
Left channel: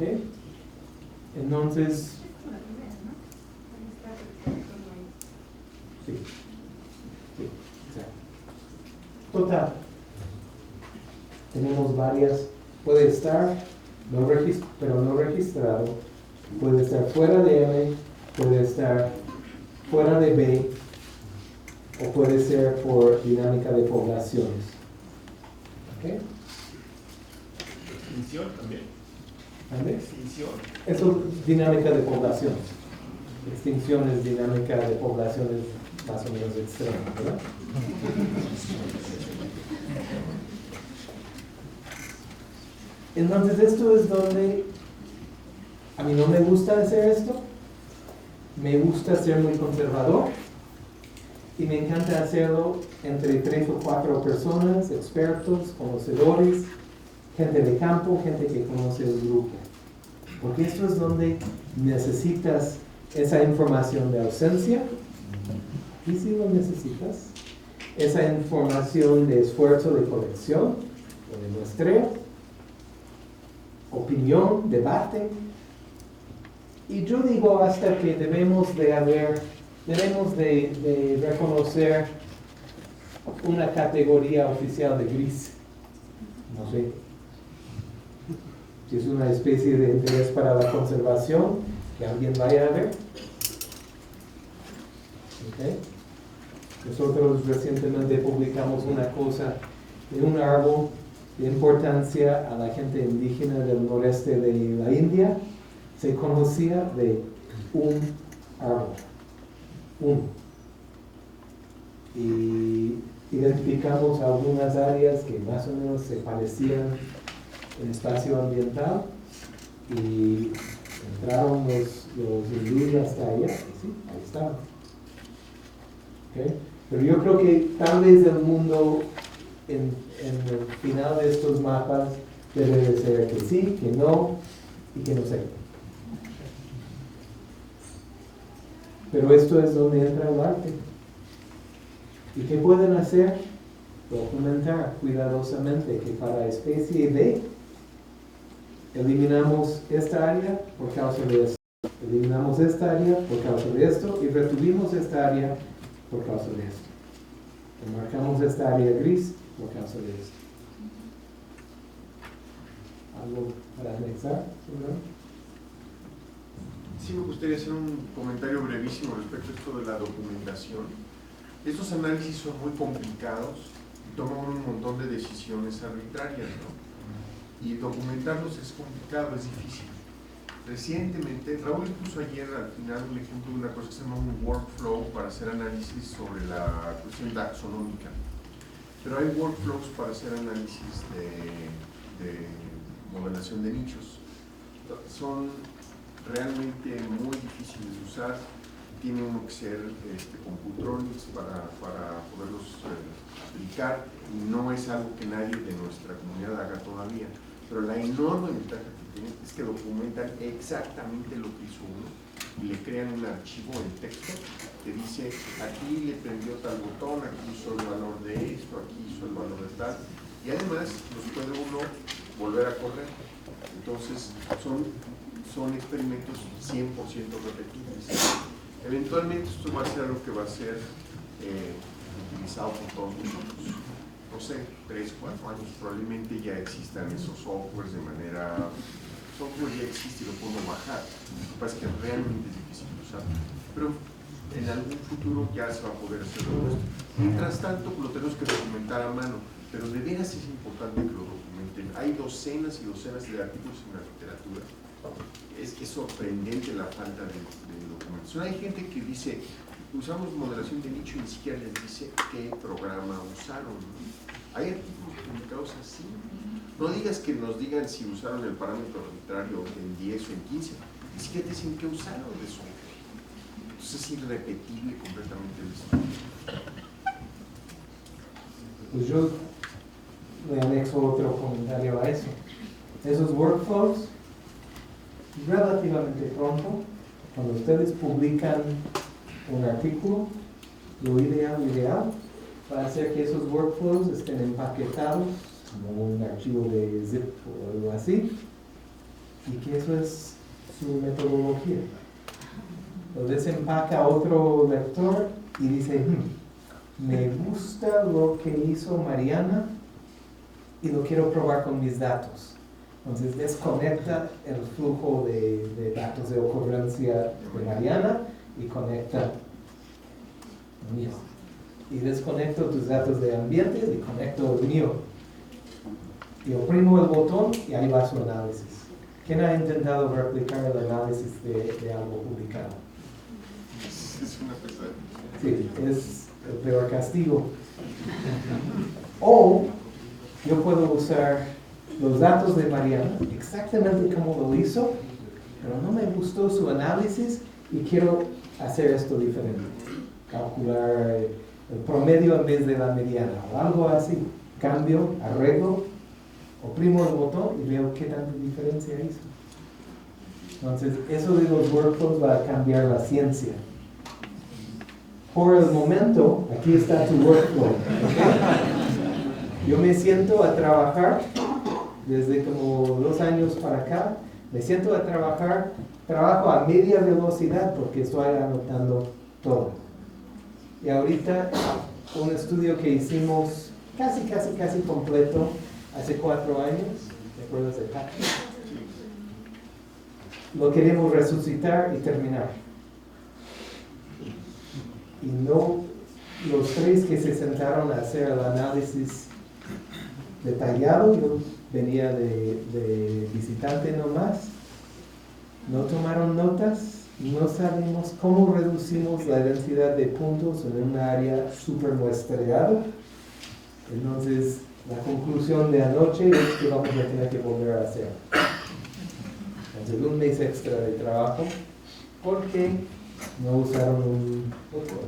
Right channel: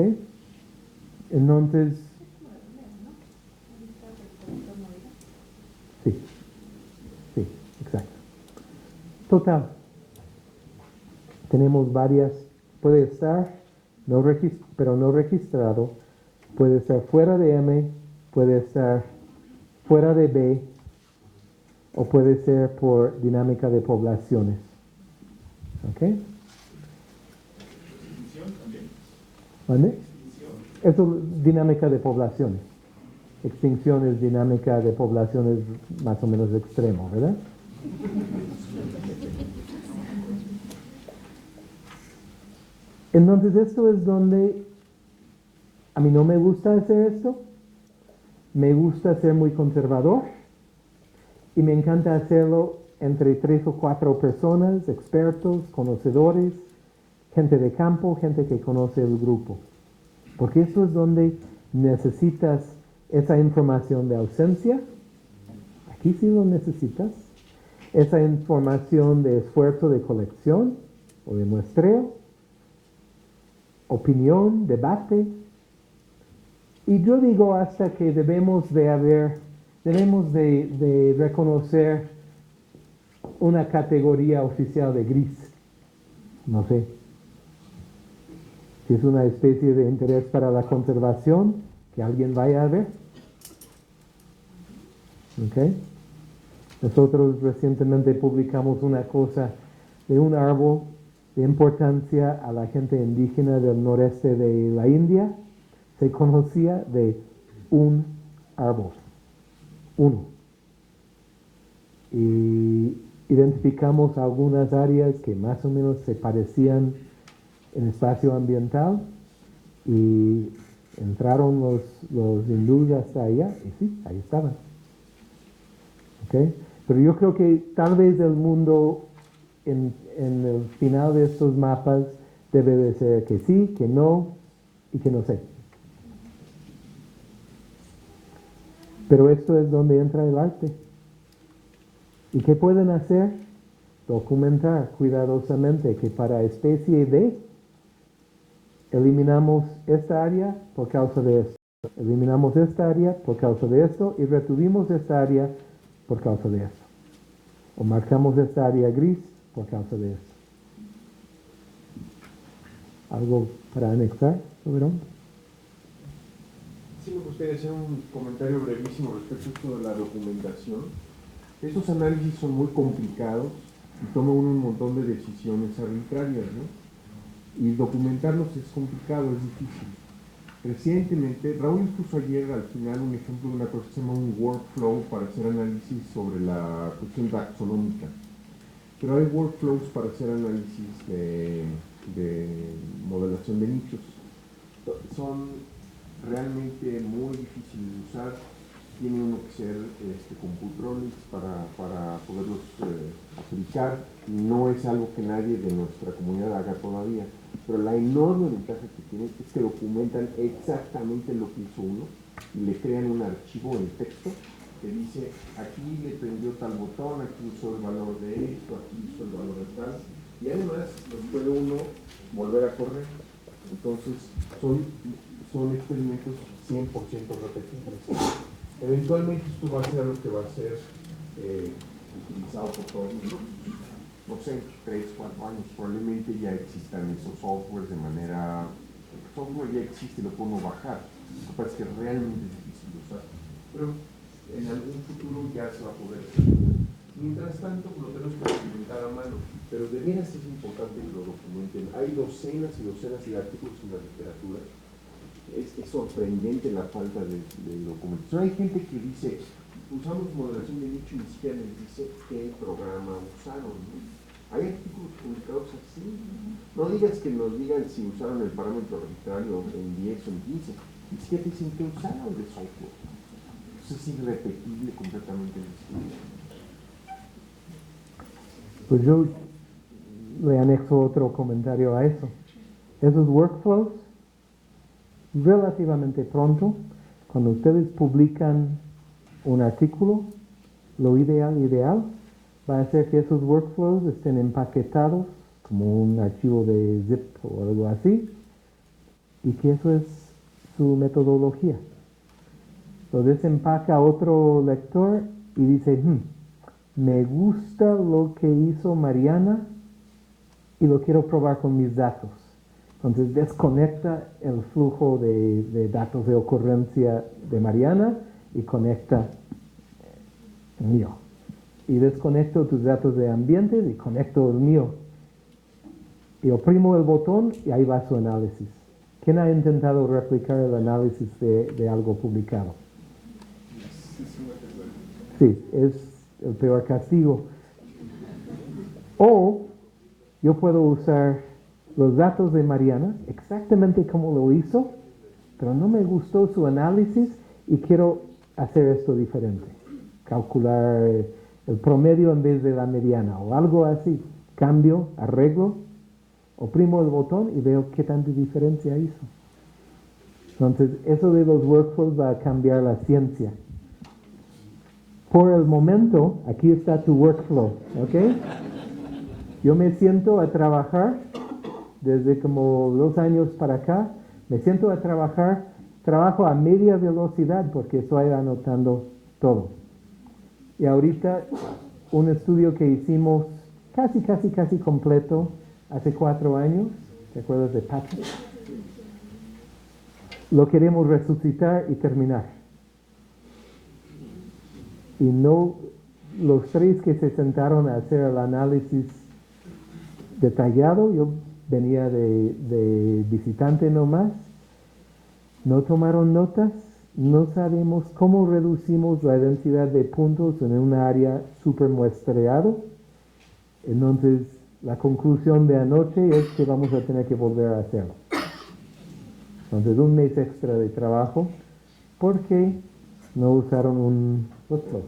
Entonces, sí, exacto. Total. Tenemos varias, puede estar, pero no registrado, puede estar fuera de M, puede estar fuera de B, o puede ser por dinámica de poblaciones. ¿Ok? Extinción también. ¿Vale? Extinción. Eso es dinámica de poblaciones. Extinción es dinámica de poblaciones más o menos extrema, ¿verdad? Entonces esto es donde a mí no me gusta hacer esto, me gusta ser muy conservador y me encanta hacerlo entre 3 o 4 personas, expertos, conocedores, gente de campo, gente que conoce el grupo. Porque esto es donde necesitas esa información de ausencia, aquí sí lo necesitas, esa información de esfuerzo de colección o de muestreo, opinión, debate. Y yo digo hasta que debemos de reconocer una categoría oficial de gris. No sé. Si es una especie de interés para la conservación, que alguien vaya a ver. ¿Okay? Nosotros recientemente publicamos una cosa de un árbol de importancia a la gente indígena del noreste de la India. Se conocía de un árbol. Uno. Y identificamos algunas áreas que más o menos se parecían en espacio ambiental y entraron los hindúes hasta allá y sí, ahí estaban. ¿Okay? Pero yo creo que tal vez el mundo en el final de estos mapas debe de ser que sí, que no y que no sé. Pero esto es donde entra el arte. ¿Y qué pueden hacer? Documentar cuidadosamente que para especie D eliminamos esta área por causa de esto. Eliminamos esta área por causa de esto y retuvimos esta área por causa de esto. O marcamos esta área gris por causa de esto. ¿Algo para anexar, soberano? Sí, me gustaría hacer un comentario brevísimo respecto a esto de la documentación. Estos análisis son muy complicados y toman un montón de decisiones arbitrarias, ¿no? Y documentarlos es complicado, es difícil. Recientemente, Raúl puso ayer al final un ejemplo de una cosa que se llama un workflow para hacer análisis sobre la cuestión taxonómica. Pero hay workflows para hacer análisis de modelación de nichos. Son realmente muy difíciles de usar. Tiene uno que ser computronics para poderlos aplicar, y no es algo que nadie de nuestra comunidad haga todavía. Pero la enorme ventaja que tienen es que documentan exactamente lo que hizo uno y le crean un archivo en texto que dice: aquí le prendió tal botón, aquí hizo el valor de esto, aquí hizo el valor de tal, y además nos puede uno volver a correr. Entonces son experimentos 100% repetibles. Eventualmente esto va a ser lo que va a ser utilizado por todos nosotros. No sé, 3, 4 años probablemente ya existan esos softwares de manera... El software ya existe y lo podemos bajar. Lo que pasa es que realmente es difícil de usar. Pero en algún futuro ya se va a poder hacer todo esto. Mientras tanto, lo tenemos que documentar a mano. Pero de veras es importante que lo documenten. Hay docenas y docenas de artículos en la literatura. Es sorprendente la falta de documentación. Hay gente que dice, usamos modelación de nicho y ni siquiera les dice qué programa usaron, ¿no? Hay artículos publicados así. No digas que nos digan si usaron el parámetro arbitrario en 10 o en 15. Ni siquiera dicen que usaron de software. Entonces es irrepetible completamente el estudio. Pues yo le anexo otro comentario a eso. Esos workflows, relativamente pronto, cuando ustedes publican un artículo, lo ideal va a ser que esos workflows estén empaquetados como un archivo de zip o algo así, y que eso es su metodología. Lo desempaca otro lector y dice, me gusta lo que hizo Mariana y lo quiero probar con mis datos. Entonces desconecta el flujo de datos de ocurrencia de Mariana y conecta el mío. Y desconecto tus datos de ambiente y conecto el mío. Y oprimo el botón y ahí va su análisis. ¿Quién ha intentado replicar el análisis de algo publicado? Es una persona. Sí, es el peor castigo. O yo puedo usar los datos de Mariana, exactamente como lo hizo, pero no me gustó su análisis y quiero hacer esto diferente. Calcular el promedio en vez de la mediana o algo así. Cambio, arreglo, oprimo el botón y veo qué tanta diferencia hizo. Entonces, eso de los workflows va a cambiar la ciencia. Por el momento, aquí está tu workflow, ¿ok? Yo me siento a trabajar, desde como 2 años para acá, me siento a trabajar, trabajo a media velocidad porque estoy anotando todo. Y ahorita, un estudio que hicimos casi completo hace 4 años, ¿te acuerdas de Patrick? Lo queremos resucitar y terminar. Y no, los 3 que se sentaron a hacer el análisis detallado, yo venía de visitante nomás, no tomaron notas, no sabemos cómo reducimos la densidad de puntos en un área super muestreada. Entonces, la conclusión de anoche es que vamos a tener que volver a hacer. Entonces, 1 mes extra de trabajo porque no usaron un workflow.